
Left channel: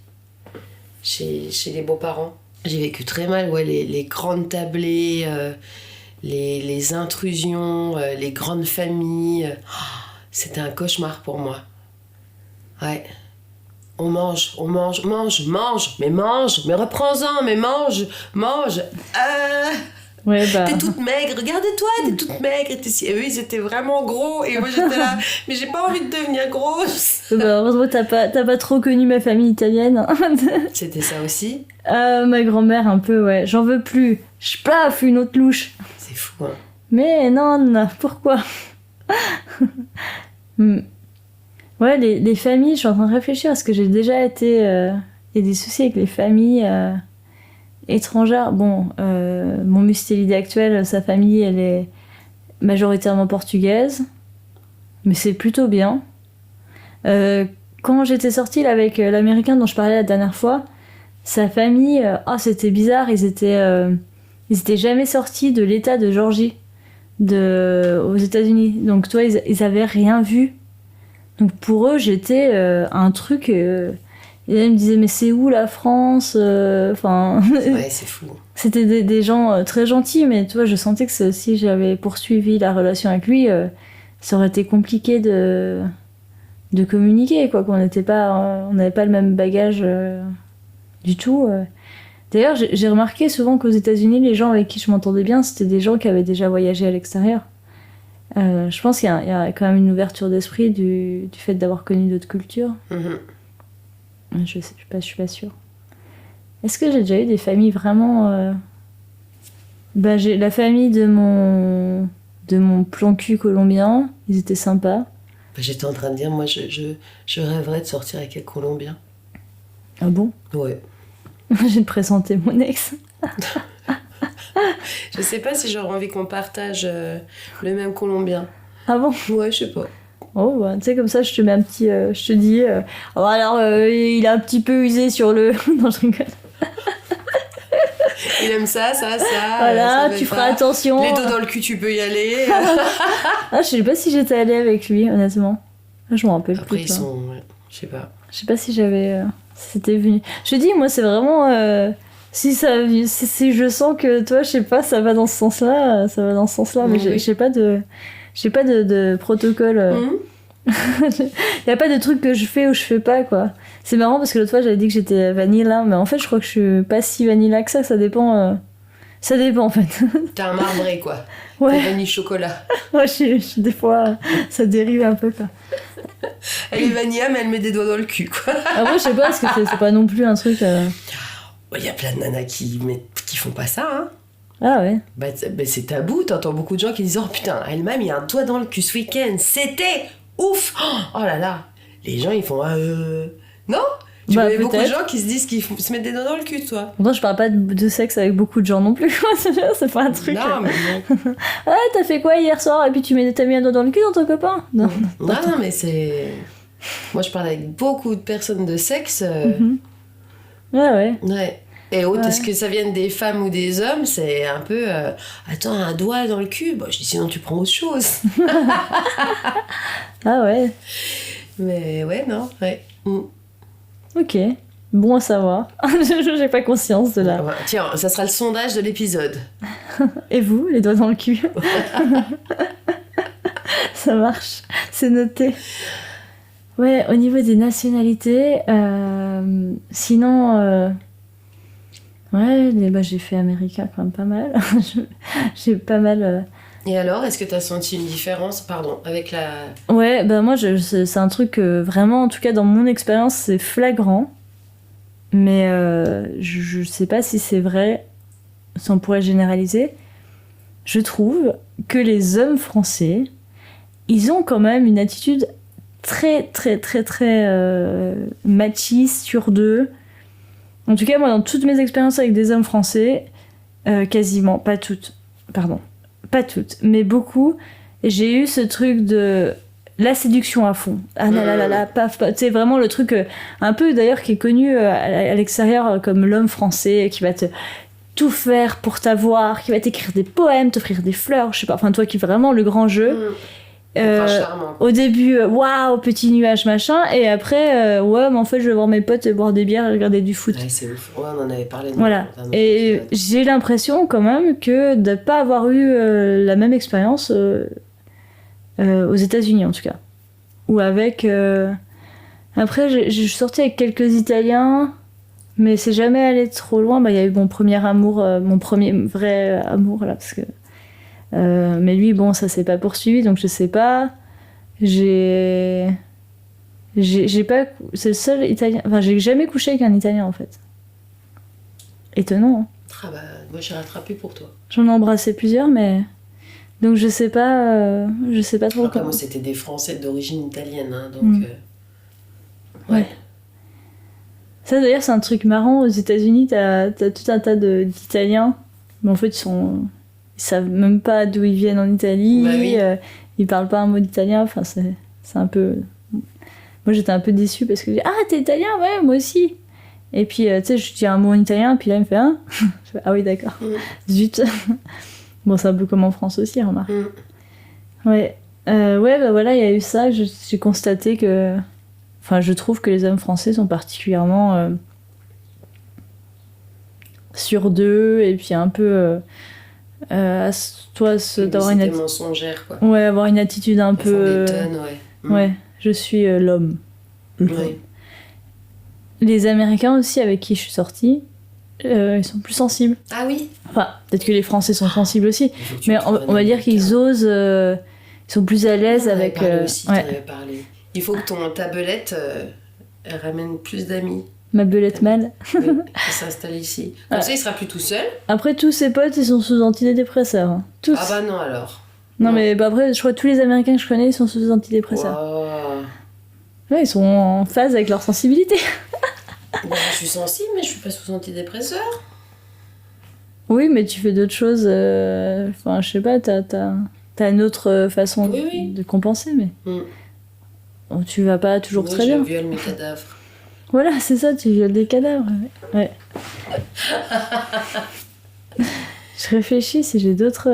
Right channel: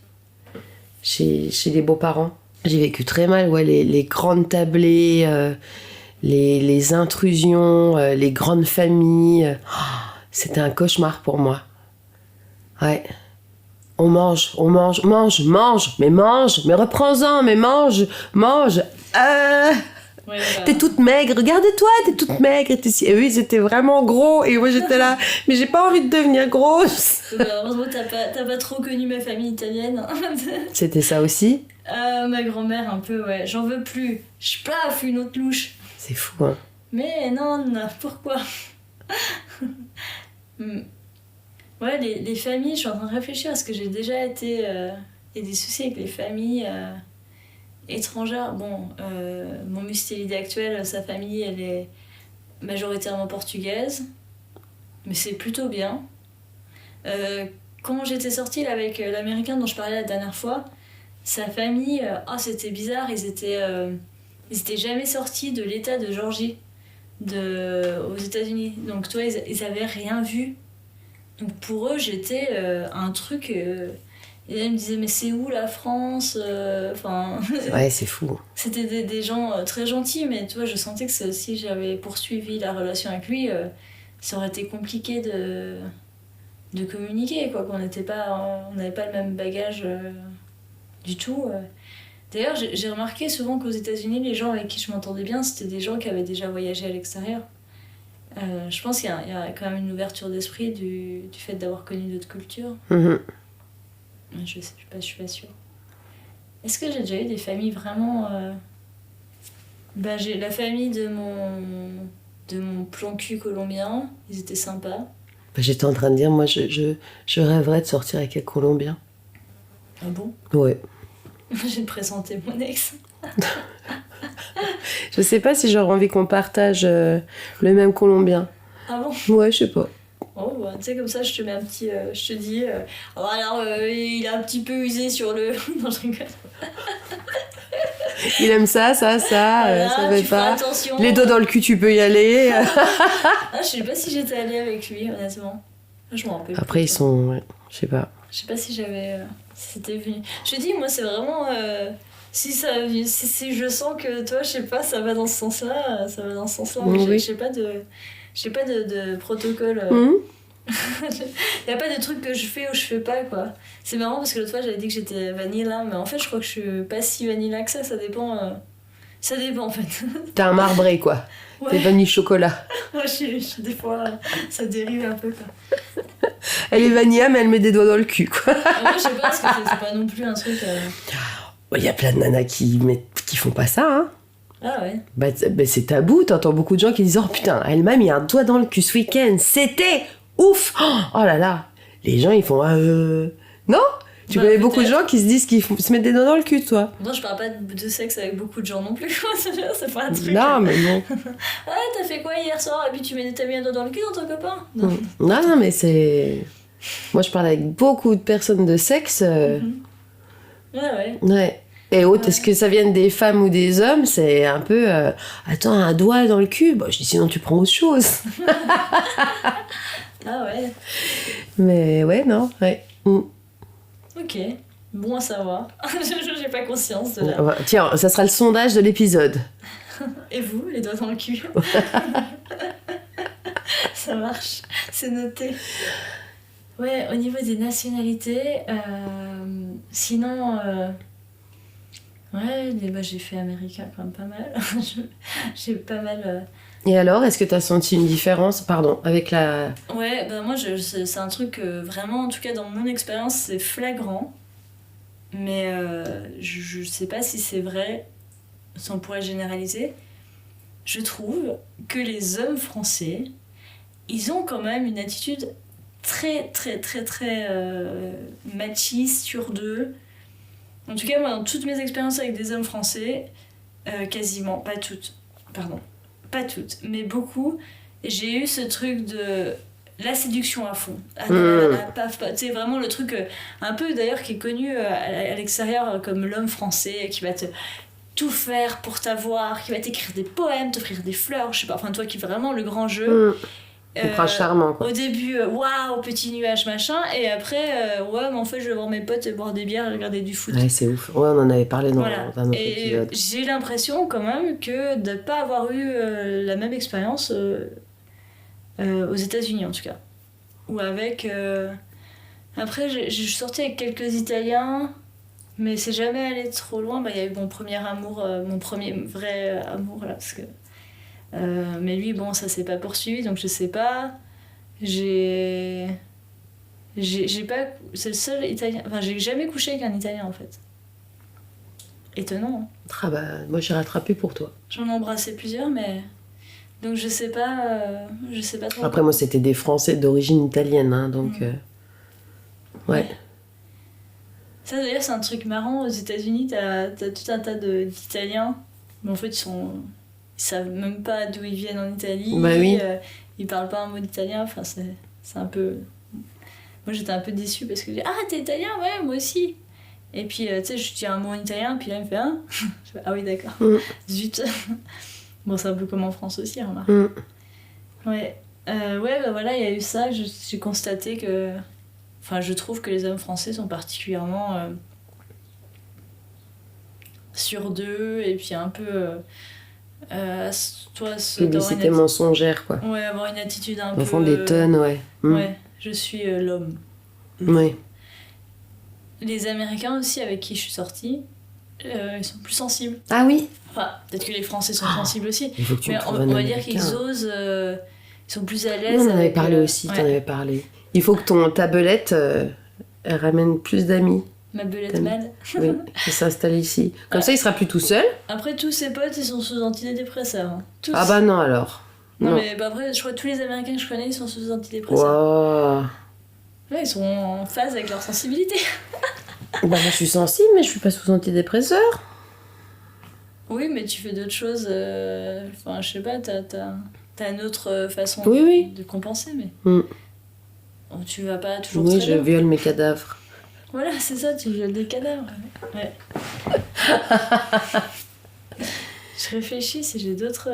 chez les beaux-parents. J'ai vécu très mal, ouais, les grandes tablées, les intrusions, les grandes familles. C'était un cauchemar pour moi. Ouais. On mange, mais reprends-en, mais mange. Ouais, bah. T'es toute maigre, regarde-toi, t'es toute maigre. Et eux, ils étaient vraiment gros, et moi j'étais là, mais j'ai pas envie de devenir grosse. Bah, heureusement, t'as pas trop connu ma famille italienne. C'était ça aussi. Ma grand-mère, un peu, ouais. J'en veux plus. J'plaf, une autre louche. C'est fou, hein. Mais non, pourquoi? Ouais, les familles, je suis en train de réfléchir à ce que j'ai déjà été. Il y a des soucis avec les familles étrangères. Bon, mon mustélide actuel, sa famille, elle est majoritairement portugaise. Mais c'est plutôt bien. Quand j'étais sortie là, avec l'américain dont je parlais la dernière fois, sa famille, c'était bizarre, ils étaient jamais sortis de l'état de Géorgie aux États-Unis. Donc toi, ils avaient rien vu. Donc pour eux, j'étais un truc. Et ils me disaient mais c'est où la France? Enfin. Ouais, c'est fou. C'était des gens très gentils, mais tu vois, je sentais que si j'avais poursuivi la relation avec lui, ça aurait été compliqué de communiquer, quoi. Qu'on n'était pas, on n'avait pas le même bagage du tout. D'ailleurs, j'ai remarqué souvent qu'aux États-Unis, les gens avec qui je m'entendais bien, c'était des gens qui avaient déjà voyagé à l'extérieur. Je pense qu'il y a quand même une ouverture d'esprit du fait d'avoir connu d'autres cultures. Mm-hmm. Je suis pas sûre. Est-ce que j'ai déjà eu des familles vraiment... j'ai la famille de mon plan cul colombien, ils étaient sympas. J'étais en train de dire, moi, je rêverais de sortir avec un Colombien. Ah bon? Ouais. Je vais te présenter mon ex. Je sais pas si j'aurais envie qu'on partage le même Colombien. Ah bon? Ouais, je sais pas. Oh, bah, tu sais, comme ça, je te mets un petit... je te dis... il a un petit peu usé sur le... Non, je rigole. Il aime ça, Voilà, ça va tu feras pas. attention. Les dos dans le cul, tu peux y aller. Je sais pas si j'étais allée avec lui, honnêtement. Je m'en rappelle Après, plus. ils sont... Ouais, je sais pas. Je sais pas si j'avais... si c'était venu. Je te dis, moi, c'est vraiment... si je sens que, toi, je sais pas, ça va dans ce sens-là, ça va dans ce sens-là. Mais Oui. j'ai pas de protocole. Y a pas de truc que je fais ou je fais pas, quoi. C'est marrant parce que l'autre fois j'avais dit que j'étais vanilla, mais en fait je crois que je suis pas si vanilla que ça dépend. Ça dépend en fait. T'es un marbré, quoi. Ouais. T'es vanille chocolat. Ouais, des fois ça dérive un peu, quoi. Elle est vanilla, mais elle met des doigts dans le cul, quoi. Moi je sais pas parce que c'est pas non plus un truc. Il y a plein de nanas qui font pas ça, hein. Ah ouais. Bah, c'est tabou, t'entends beaucoup de gens qui disent « Oh putain, elle m'a mis un doigt dans le cul ce week-end, c'était ouf !» Oh là là. Les gens, ils font non. Tu connais beaucoup de gens qui se disent qu'ils se mettent des doigts dans le cul, toi. Pourtant, je parle pas de sexe avec beaucoup de gens non plus. C'est pas un truc. Non, mais non. Ah, t'as fait quoi hier soir? Et puis t'as mis un doigt dans le cul dans ton copain? Non. Non, mais c'est... Moi, je parle avec beaucoup de personnes de sexe. Ouais. Ouais. Et est-ce que ça vienne des femmes ou des hommes? C'est un peu... Attends, un doigt dans le cul? Bah, je dis, sinon tu prends autre chose. Ah ouais. Mais ouais, non, ouais. Ok, bon à savoir. J'ai pas conscience de là. Tiens, ça sera le sondage de l'épisode. Et vous, les doigts dans le cul? Ça marche, c'est noté. Ouais, au niveau des nationalités, sinon... Ouais, j'ai fait américain quand même pas mal. J'ai pas mal... Et alors, est-ce que t'as senti une différence, avec la... Ouais, moi, c'est un truc vraiment, en tout cas dans mon expérience, c'est flagrant. Mais je sais pas si c'est vrai, si on pourrait généraliser. Je trouve que les hommes français, ils ont quand même une attitude très, très, très, très machiste sur d'eux. En tout cas, moi, dans toutes mes expériences avec des hommes français, quasiment, pas toutes, pardon, pas toutes, mais beaucoup, j'ai eu ce truc de la séduction à fond. Ah là là là là, paf, paf. C'est vraiment le truc un peu d'ailleurs qui est connu à l'extérieur comme l'homme français qui va te tout faire pour t'avoir, qui va t'écrire des poèmes, t'offrir des fleurs, je sais pas, enfin toi qui fais vraiment le grand jeu. Prince charmant, quoi. Au début, waouh, petit nuage, machin, et après, ouais, mais en fait, je vais voir mes potes boire des bières et regarder du foot. Ouais, c'est ouf. Ouais, on en avait parlé dans Voilà. un autre Et épisode. j'ai l'impression quand même que de pas avoir eu la même expérience aux États-Unis en tout cas. Ou avec. Après, je suis sortie avec quelques Italiens, mais c'est jamais allé trop loin. Bah, il y a eu mon premier amour, mon premier vrai amour là, parce que. Mais lui, bon, ça s'est pas poursuivi, donc je sais pas. J'ai pas. C'est le seul Italien. Enfin, j'ai jamais couché avec un Italien en fait. Étonnant, hein. Ah bah, moi j'ai rattrapé pour toi. J'en ai embrassé plusieurs, mais. Donc je sais pas trop. Après, quoi. moi c'était des Français d'origine italienne, hein, donc. Ouais. Ça d'ailleurs, c'est un truc marrant. Aux États-Unis, t'as tout un tas d'Italiens, mais en fait, ils savent même pas d'où ils viennent en Italie. Bah oui. Ils parlent pas un mot d'italien. Enfin, c'est un peu. Moi, j'étais un peu déçue parce que j'ai dit, ah, t'es italien? Ouais, moi aussi. Et puis, tu sais, je dis un mot en italien, puis là, il me fait, hein? Je fais, ah oui, d'accord. Zut. Bon, c'est un peu comme en France aussi, remarque. Ouais. Ouais, bah voilà, il y a eu ça. J'ai constaté que. Enfin, je trouve que les hommes français sont particulièrement sûrs d'eux et puis un peu. D'avoir C'était mensongère, quoi. Ouais, avoir une attitude un Au peu. fond des tonnes, ouais. Ouais, je suis l'homme. Ouais. Les Américains aussi, avec qui je suis sortie, ils sont plus sensibles. Ah oui. Enfin, peut-être que les Français sont sensibles aussi. Il faut que tu Mais me trouves un on va dire Américain. qu'ils osent. Ils sont plus à l'aise On en avait avec. parlé aussi, ouais. t'en avais parlé. Il faut que ta belette elle ramène plus d'amis. Ma belette mâle. Oui, qui s'installe ici. Comme ça, il sera plus tout seul. Après, tous ses potes, ils sont sous antidépresseurs. Hein. Tous. Ah bah non, alors. Non, mais bah, après, je crois que tous les Américains que je connais, ils sont sous antidépresseurs. Wow. Ouais, ils sont en phase avec leur sensibilité. Bah, je suis sensible, mais je suis pas sous antidépresseur. Oui, mais tu fais d'autres choses. Enfin, je sais pas, t'as une autre façon Oui. de compenser, mais. Bon, tu vas pas toujours Oui, très je bien. viole mes cadavres. Voilà, c'est ça, tu violes des cadavres. Ouais. Je réfléchis si j'ai d'autres.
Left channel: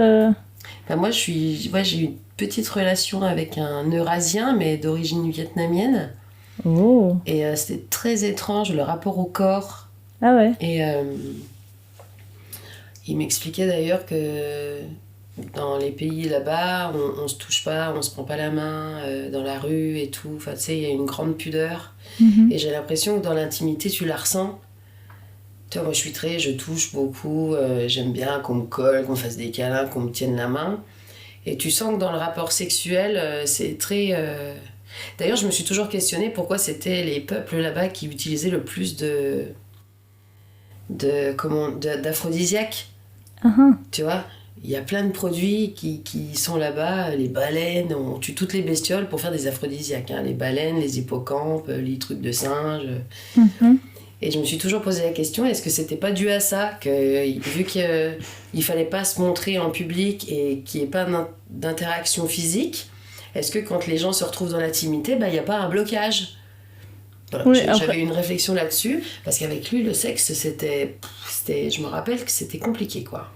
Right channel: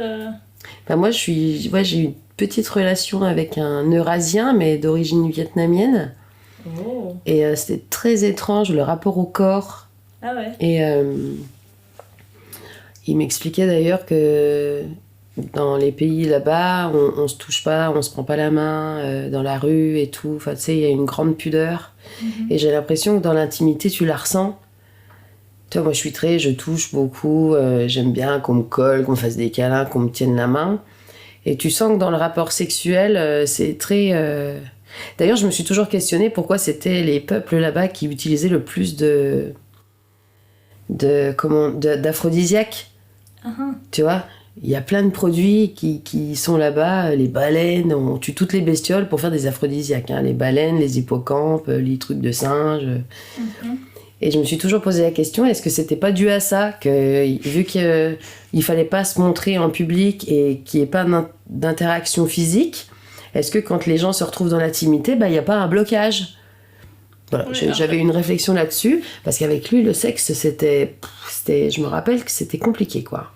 Bah, moi, j'ai eu une petite relation avec un Eurasien, mais d'origine vietnamienne. Oh. Et c'était très étrange, le rapport au corps. Ah ouais. Et il m'expliquait d'ailleurs que dans les pays là-bas, on se touche pas, on se prend pas la main dans la rue et tout. Enfin, tu sais, il y a une grande pudeur. Et j'ai l'impression que dans l'intimité, tu la ressens. Tu vois, moi, je touche beaucoup. J'aime bien qu'on me colle, qu'on me fasse des câlins, qu'on me tienne la main. Et tu sens que dans le rapport sexuel, c'est très... D'ailleurs, je me suis toujours questionnée pourquoi c'était les peuples là-bas qui utilisaient le plus d'aphrodisiaques. Tu vois, il y a plein de produits qui sont là-bas. Les baleines, on tue toutes les bestioles pour faire des aphrodisiaques. Hein. Les baleines, les hippocampes, les trucs de singes. Et je me suis toujours posé la question, est-ce que c'était pas dû à ça, que vu qu'il fallait pas se montrer en public et qu'il n'y ait pas d'interaction physique, est-ce que quand les gens se retrouvent dans l'intimité, il n'y a pas un blocage? Voilà, Oui, j'avais une réflexion là-dessus, parce qu'avec lui, le sexe, je me rappelle que c'était compliqué, quoi.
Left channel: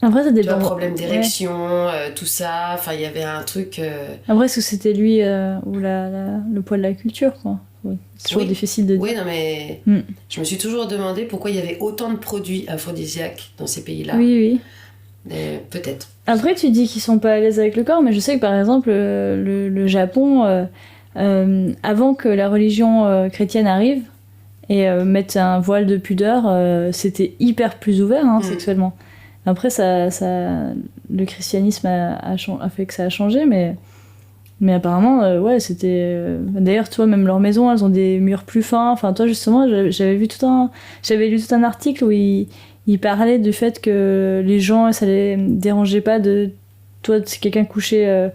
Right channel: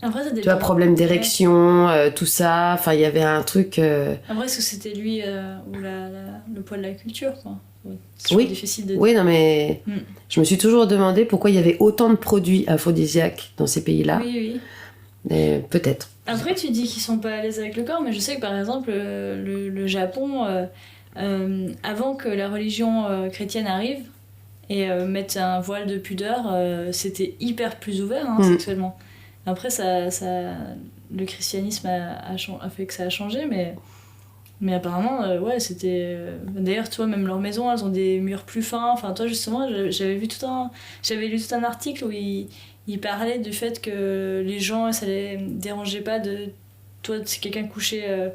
Après, ça Tu dépend. vois, problème d'érection, tout ça, enfin, il y avait un truc... Après, est-ce que c'était lui ou le poids de la culture, quoi? Oui. C'est toujours difficile de dire. Oui, non, mais je me suis toujours demandé pourquoi il y avait autant de produits aphrodisiaques dans ces pays-là. Oui. Peut-être. Après, tu dis qu'ils sont pas à l'aise avec le corps, mais je sais que par exemple, le Japon, avant que la religion chrétienne arrive et mette un voile de pudeur, c'était hyper plus ouvert sexuellement. Après, le christianisme a fait que ça a changé, mais apparemment, ouais, c'était... D'ailleurs, tu vois, même leurs maisons, elles ont des murs plus fins. Enfin, toi, justement, j'avais lu tout un article où il parlait du fait que les gens, ça les dérangeait pas de... Toi, si quelqu'un couchait...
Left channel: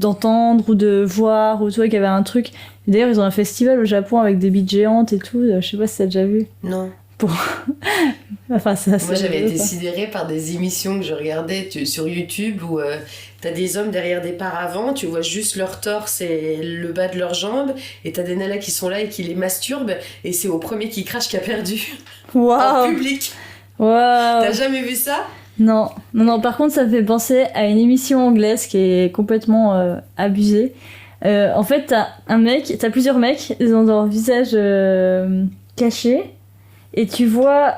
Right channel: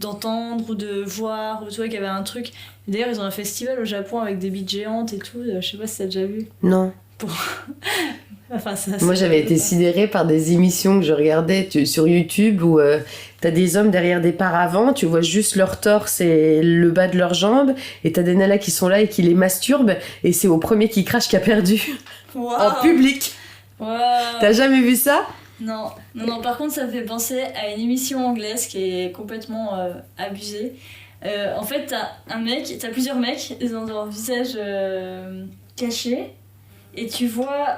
d'entendre ou de voir, ou tu vois, qu'il y avait un truc... D'ailleurs, ils ont un festival au Japon avec des bites géantes et tout. Je sais pas si t'as déjà vu. Non. pour... enfin, ça, Moi, j'avais été quoi. sidérée par des émissions que je regardais sur YouTube où t'as des hommes derrière des paravents, tu vois juste leur torse et le bas de leurs jambes, et t'as des nanas qui sont là et qui les masturbent, et c'est au premier qui crache qui a perdu en Waouh. public. Waouh. T'as jamais vu ça? Non, non, non, par contre, ça me fait penser à une émission anglaise qui est complètement abusée. En fait, t'as plusieurs mecs, ils ont leur visage caché, et tu vois,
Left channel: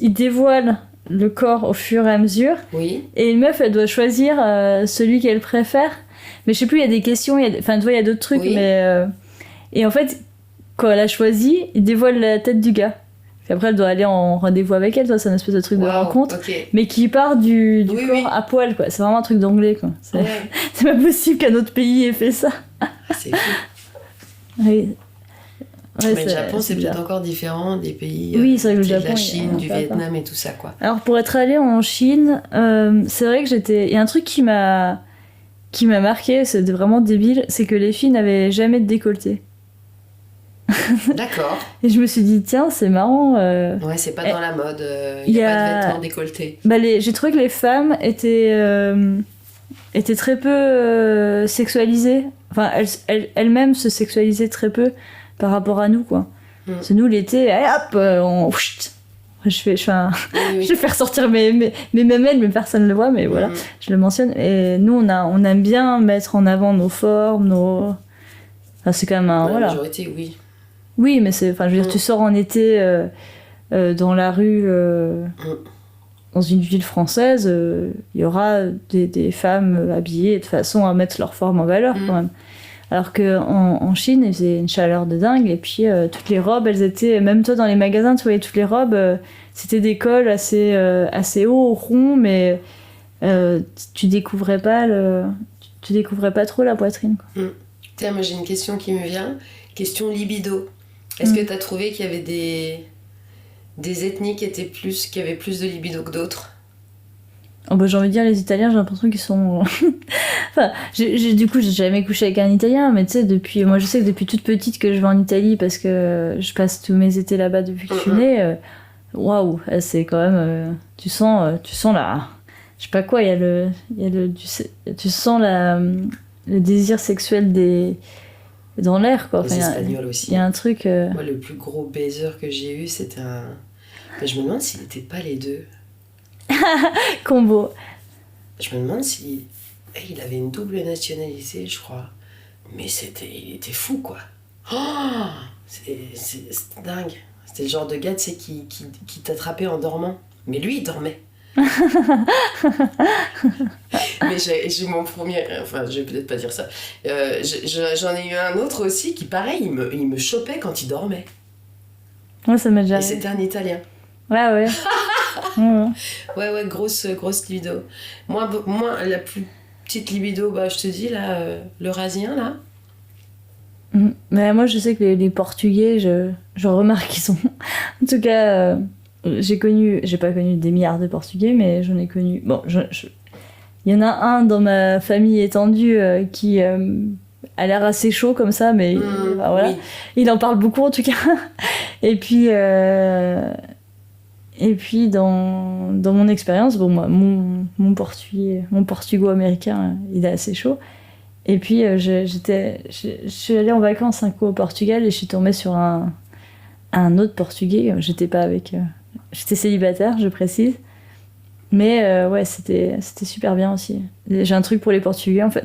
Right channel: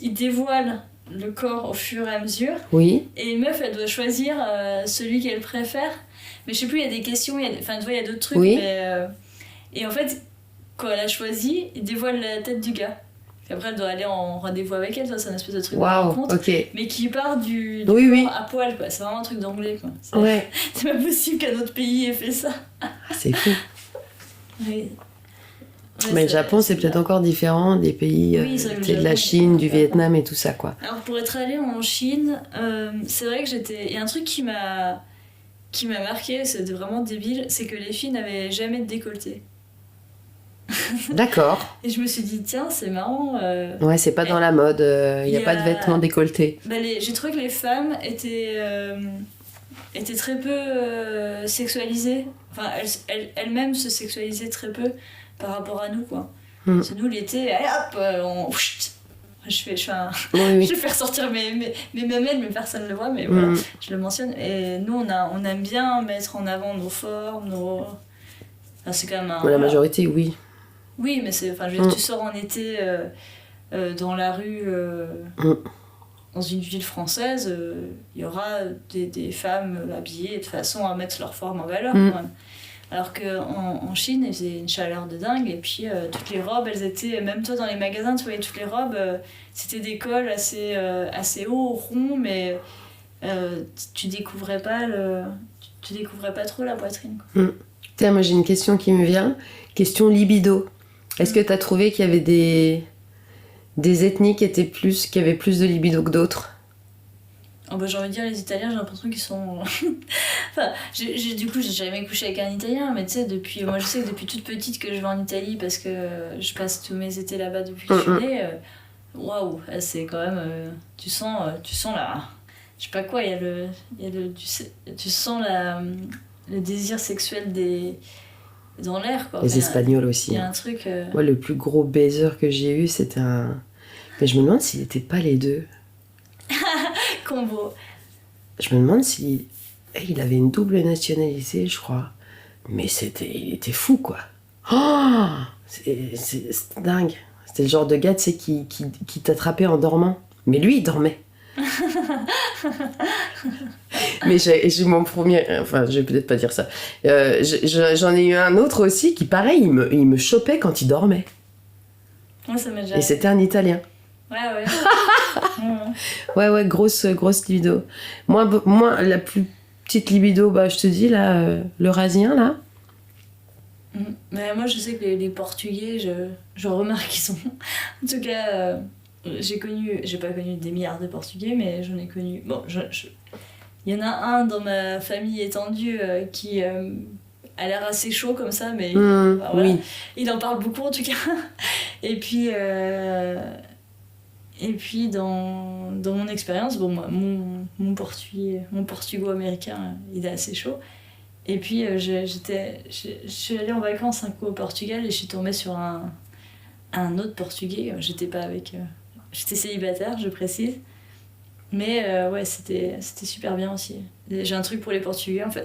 ils dévoilent le corps au fur et à mesure, Oui. et une meuf, elle doit choisir celui qu'elle préfère. Mais je sais plus, il y a des questions, enfin, tu vois, il y a d'autres trucs, Oui. mais... Et en fait, quand elle a choisi, il dévoile la tête du gars. Puis après, elle doit aller en rendez-vous avec elle, toi, c'est un espèce de truc de Waouh, rencontre. ok. Mais qui part du Oui, corps oui. à poil, quoi. C'est vraiment un truc d'anglais, quoi. Ouais. C'est pas possible qu'un autre pays ait fait ça. Ah, c'est fou. Oui. Ouais, Mais le Japon, c'est bizarre. peut-être encore différent des pays Oui, c'est vrai que le tu sais, de la Japon, Chine, du ça va Vietnam et tout ça, quoi. Alors, pour être allée en Chine, c'est vrai que j'étais... Il y a un truc qui m'a marqué, c'était vraiment débile, c'est que les filles n'avaient jamais de décolleté. D'accord. Et je me suis dit, tiens, c'est marrant... Ouais, c'est pas dans la mode, il y n'y a a- pas de vêtements décolletés. Bah, j'ai trouvé que les femmes étaient très peu sexualisées. Enfin, elles-mêmes se sexualisaient très peu par rapport à nous, quoi. Parce que nous, l'été, allez, hop, on... chut. Je Oui, vais faire sortir mes mamelles, mais personne ne le voit, mais voilà, je le mentionne. Et nous, on aime bien mettre en avant nos formes, Enfin, c'est quand même un... La voilà. majorité, oui. Oui, mais c'est... Enfin, je veux dire, tu sors en été dans la rue... Dans une ville française, il y aura des femmes habillées de façon à mettre leur forme en valeur, quand même. Alors qu'en Chine, il faisait une chaleur de dingue, et puis toutes les robes, elles étaient... Même toi, dans les magasins, tu voyais toutes les robes, c'était des cols assez hauts, ronds, mais tu découvrais pas trop la poitrine, quoi. Tiens, moi j'ai une question qui me vient. Question libido. Est-ce que t'as trouvé qu'il y avait des ethnies qui avaient plus de libido que d'autres? Oh bah, j'ai envie de dire, les Italiens, j'ai l'impression qu'ils sont... enfin, du coup, j'ai jamais couché avec un Italien, mais tu sais, moi je sais que depuis toute petite que je vais en Italie, parce que je passe tous mes étés là-bas depuis que je suis née, waouh, c'est quand même... tu sens la... Je sais pas quoi, tu sens le désir sexuel dans l'air, quoi. Les Enfin, Espagnols aussi. Il y a un truc... Moi, le plus gros baiser que j'ai eu, c'était un... Mais je me demande s'il n'était pas les deux. combo. Je me demande si... il avait une double nationalité, je crois. Mais il était fou, quoi. Oh, c'est dingue. C'était le genre de gars, tu sais, qui t'attrapait en dormant. Mais lui, il dormait. Mais j'ai mon premier... Enfin, je vais peut-être pas dire ça. J'en ai eu un autre aussi qui, pareil, il me chopait quand il dormait. Ouais, ça m'est déjà Et arrivé. c'était un Italien. Ouais. Ouais. Ouais, grosse libido. Moi, la plus petite libido, bah, je te dis, là, l'Eurasien, là. Mais moi, je sais que les Portugais, je remarque qu'ils sont... En tout cas, j'ai pas connu des milliards de Portugais, mais j'en ai connu... Bon, il y en a un dans ma famille étendue qui a l'air assez chaud comme ça, mais voilà. Oui. Il en parle beaucoup, en tout cas. Et puis dans mon expérience, bon, moi, mon portugo-américain, il est assez chaud. Et puis, je suis allée en vacances un coup au Portugal et je suis tombée sur un autre Portugais. J'étais pas avec... j'étais célibataire, je précise. Mais ouais, c'était super bien aussi. J'ai un truc pour les Portugais, en fait.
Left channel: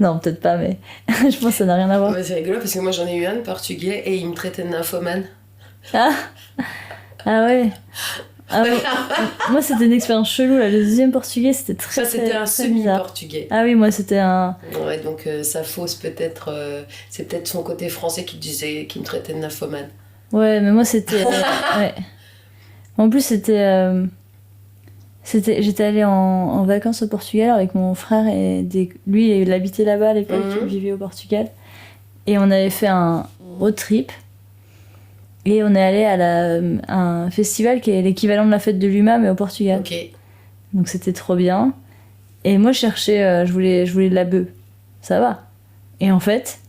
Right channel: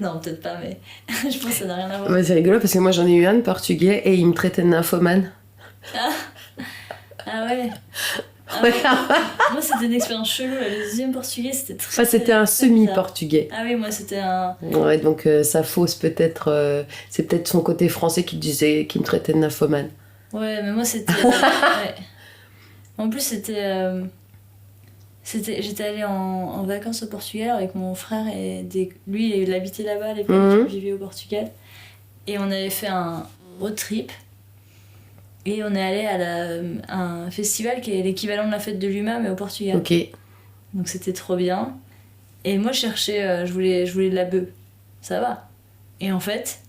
Non, peut-être pas, mais je pense que ça n'a rien à voir. Ouais, c'est rigolo parce que moi, j'en ai eu un de portugais et il me traitait de nymphomane. Ah ouais. Ah ouais. Moi, c'était une expérience chelou, là. Le deuxième Portugais, c'était très... Enfin, c'était un très bizarre. semi-portugais. Ah oui, moi, c'était un... Ouais, donc ça fausse peut-être... c'est peut-être son côté français qui me traitait de nymphomane. Ouais, mais moi, c'était... ouais. En plus, j'étais allée en vacances au Portugal avec mon frère et lui, il habitait là-bas à l'époque, il vivait au Portugal. Et on avait fait un road trip. Et on est allé à un festival qui est l'équivalent de la fête de l'UMA, mais au Portugal. Ok. Donc c'était trop bien. Et moi, je cherchais, je voulais de la bœuf. Ça va. Et en fait,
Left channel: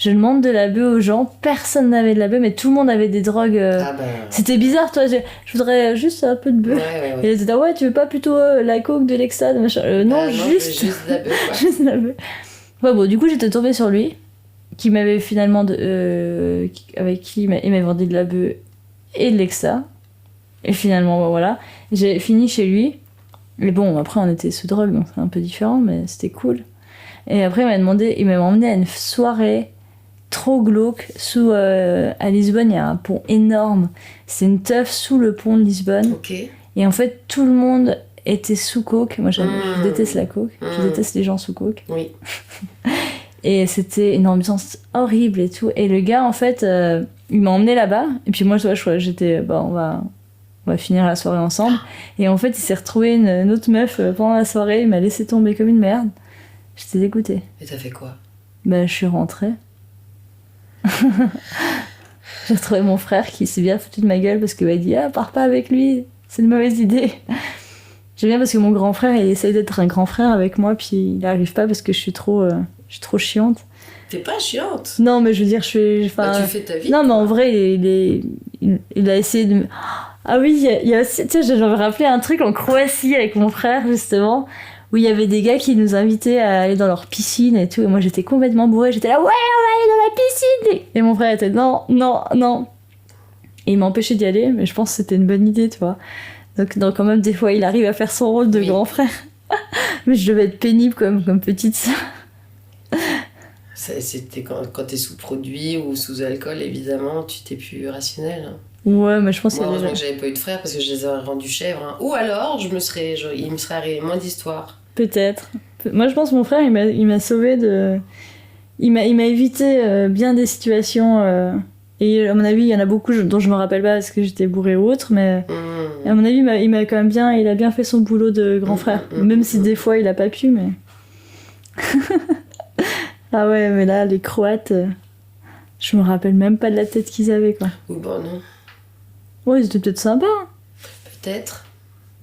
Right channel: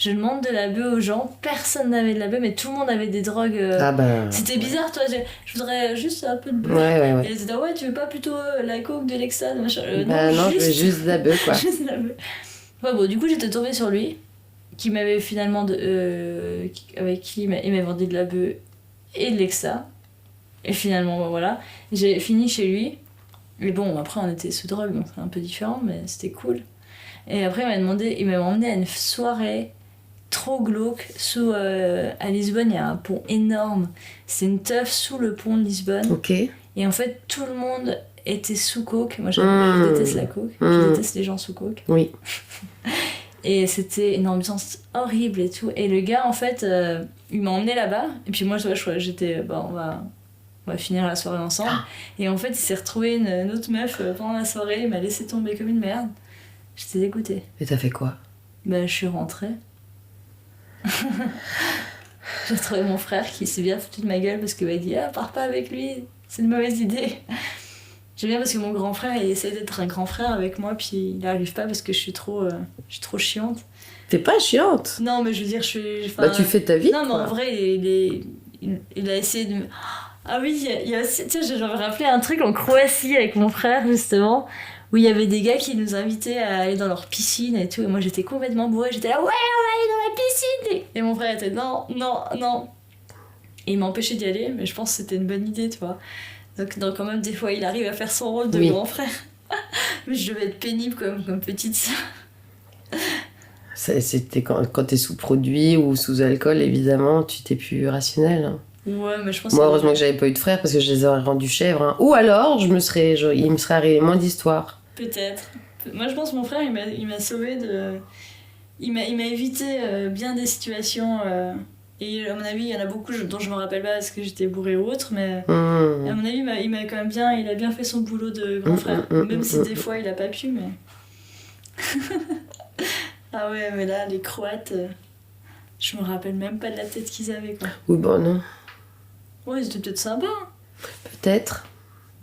Je demande de la bœuf aux gens, personne n'avait de la bœuf, mais tout le monde avait des drogues. Ah ben. C'était bizarre, toi. Je voudrais juste un peu de bœuf. Ouais. Et ils étaient ouais, tu veux pas plutôt la coke, de l'extase, machin. Bah, non, je veux juste de la bœuf, quoi. juste de la bœuf. Ouais, bon, du coup, j'étais tombée sur lui, qui m'avait finalement. Avec qui il m'avait vendu de la bœuf et de l'extase. Et finalement, bah, voilà. J'ai fini chez lui. Mais bon, après, on était sous drogue, donc c'est un peu différent, mais c'était cool. Et après, il m'a emmené à une soirée trop glauque à Lisbonne. Il y a un pont énorme. C'est une teuf sous le pont de Lisbonne. Ok. Et en fait, tout le monde était sous coke. Moi, je déteste la coke. Je déteste les gens sous coke. Oui. Et c'était une ambiance horrible et tout. Et le gars, en fait, il m'a emmené là-bas. Et puis moi, j'étais... Bah, on va finir la soirée ensemble. Et en fait, il s'est retrouvé une autre meuf pendant la soirée. Il m'a laissé tomber comme une merde. J'étais dégoûtée. Et t'as fait quoi? Ben, je suis rentrée. J'ai retrouvé mon frère qui s'est bien foutu de ma gueule parce qu'il m'a dit « Ah, pars pas avec lui, c'est une mauvaise idée. » J'aime bien parce que mon grand frère, il essaye d'être un grand frère avec moi, puis il n'arrive pas parce que je suis trop chiante. T'es pas chiante. Non, mais je veux dire, tu fais ta vie. Non, mais en vrai, il a essayé de... Ah oui, il y a aussi... Tu sais, je vais rappeler un truc en Croatie avec mon frère, justement, où il y avait des gars qui nous invitaient à aller dans leur piscine et tout. Et moi, j'étais complètement bourrée. J'étais là, ouais, on va aller dans la piscine. Et mon frère était, non. Et il m'a empêché d'y aller, mais je pense que c'était une bonne idée, tu vois. Donc quand même, des fois, il arrive à faire son rôle de grand frère. Mais je devais être pénible comme petite sœur. C'était quand t'es sous produit ou sous alcool, évidemment, tu t'es plus rationnel. Hein. Ouais, mais je pense Moi, heureusement que j'avais pas eu de frères parce que je les aurais rendus chèvres. Hein. Ou alors, il me serait arrivé moins d'histoires. Peut-être. Moi, je pense que mon frère, il m'a sauvé de... Il m'a évité bien des situations... Et à mon avis, il y en a beaucoup dont je me rappelle pas parce que j'étais bourrée ou autre, mais à mon avis, il m'a quand même il a bien fait son boulot de grand frère. Même si des fois, il a pas pu, mais... Ah ouais, mais là, les Croates, je me rappelle même pas de la tête qu'ils avaient, quoi. Oui, bon, non. Ouais, ils étaient peut-être sympas. Hein. Peut-être.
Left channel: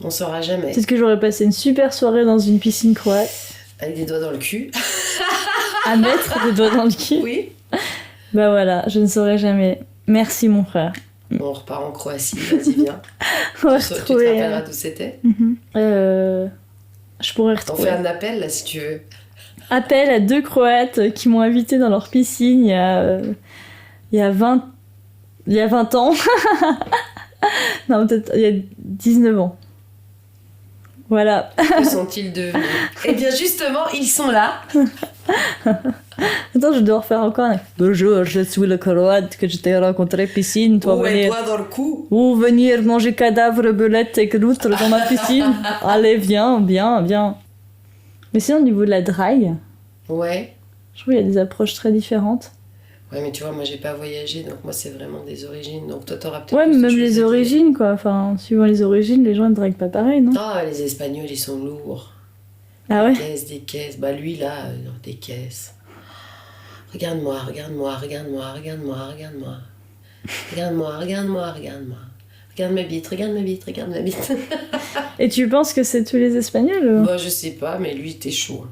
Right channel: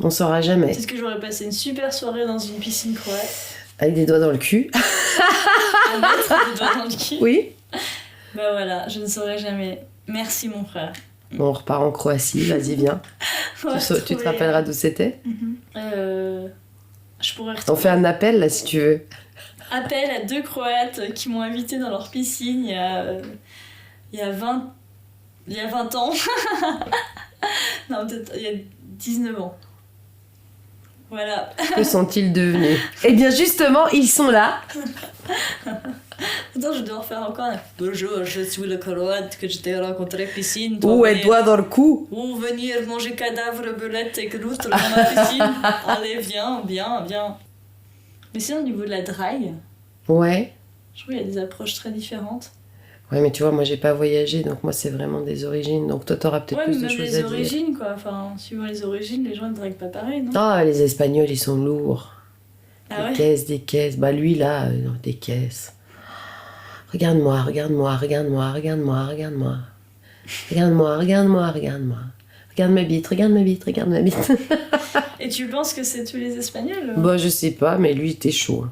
On saura jamais. Peut-être que j'aurais passé une super soirée dans une piscine croate. Avec des doigts dans le cul. À mettre des doigts dans le cul. Oui. Bah voilà, je ne saurais jamais. Merci, mon frère. Bon, on repart en Croatie, vas-y, viens. Tu te rappelleras d'où c'était? Je pourrais retrouver. On fait un appel, là, si tu veux. Appel à 2 Croates qui m'ont invité dans leur piscine il y a 20 ans. Non, peut-être il y a 19 ans. Voilà. Que sont-ils devenus? Eh bien, justement, ils sont là. Attends, je dois refaire encore un... Bonjour, je suis le Croate que je t'ai rencontré piscine. Ou elle doit dans le cou. Ou venir manger cadavre, belette et loutre dans ma piscine. Allez, viens. Mais sinon, au niveau de la drague, ouais. Je trouve qu'il y a des approches très différentes. Ouais, mais tu vois, moi j'ai pas voyagé, donc moi c'est vraiment des origines. Donc toi t'auras peut-être ouais, plus de mais même choses les à origines, quoi. Enfin, suivant les origines, les gens ne draguent pas pareil, non? Ah, les Espagnols ils sont lourds. Ah ouais? Des caisses. Bah lui là, des caisses. Regarde-moi. Regarde ma bite. Et tu penses que c'est tous les Espagnols? Bah je sais pas, mais lui il était chaud.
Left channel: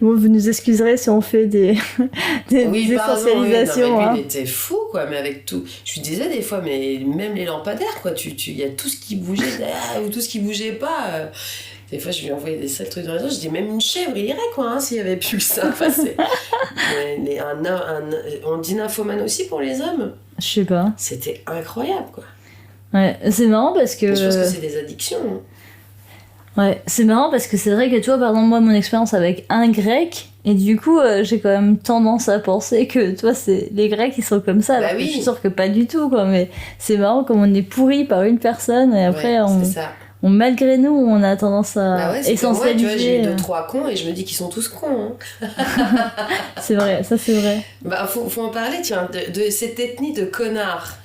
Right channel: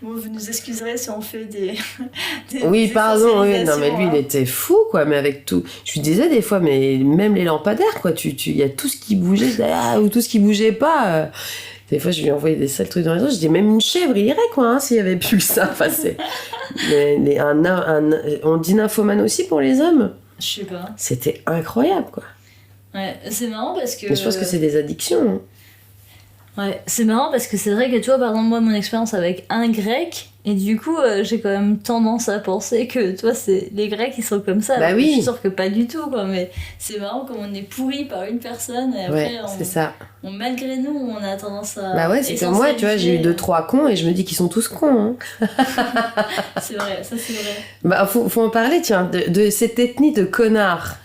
Bon, vous nous excuserez si on fait des oui, des pardon, oui, non, mais lui, hein. il était fou, quoi, mais avec tout... Je lui disais des fois, mais même les lampadaires, quoi, il y a tout ce qui bougeait, ou tout ce qui bougeait pas. Des fois, je lui envoyais des sales trucs dans les yeux, je dis, même une chèvre, il irait, quoi, hein, s'il y avait plus ça. Enfin, on dit nymphomane aussi pour les hommes. Je sais pas. C'était incroyable, quoi. Ouais, c'est marrant parce que... Je pense que c'est des addictions, hein. Ouais, c'est marrant parce que c'est vrai que tu vois, par exemple, moi, mon expérience avec un grec, et du coup, j'ai quand même tendance à penser que, toi, c'est les Grecs, ils sont comme ça. Bah alors oui. Que je suis sûre que pas du tout, quoi, mais c'est marrant comme on est pourri par une personne, et après, Ouais, c'est ça. malgré nous, on a tendance à. Bah ouais, c'est comme moi, tu vois, j'ai eu essentialiser, 2-3 cons et je me dis qu'ils sont tous cons. Hein. C'est vrai, ça c'est vrai. Bah, faut en parler, tiens, de cette ethnie de connards.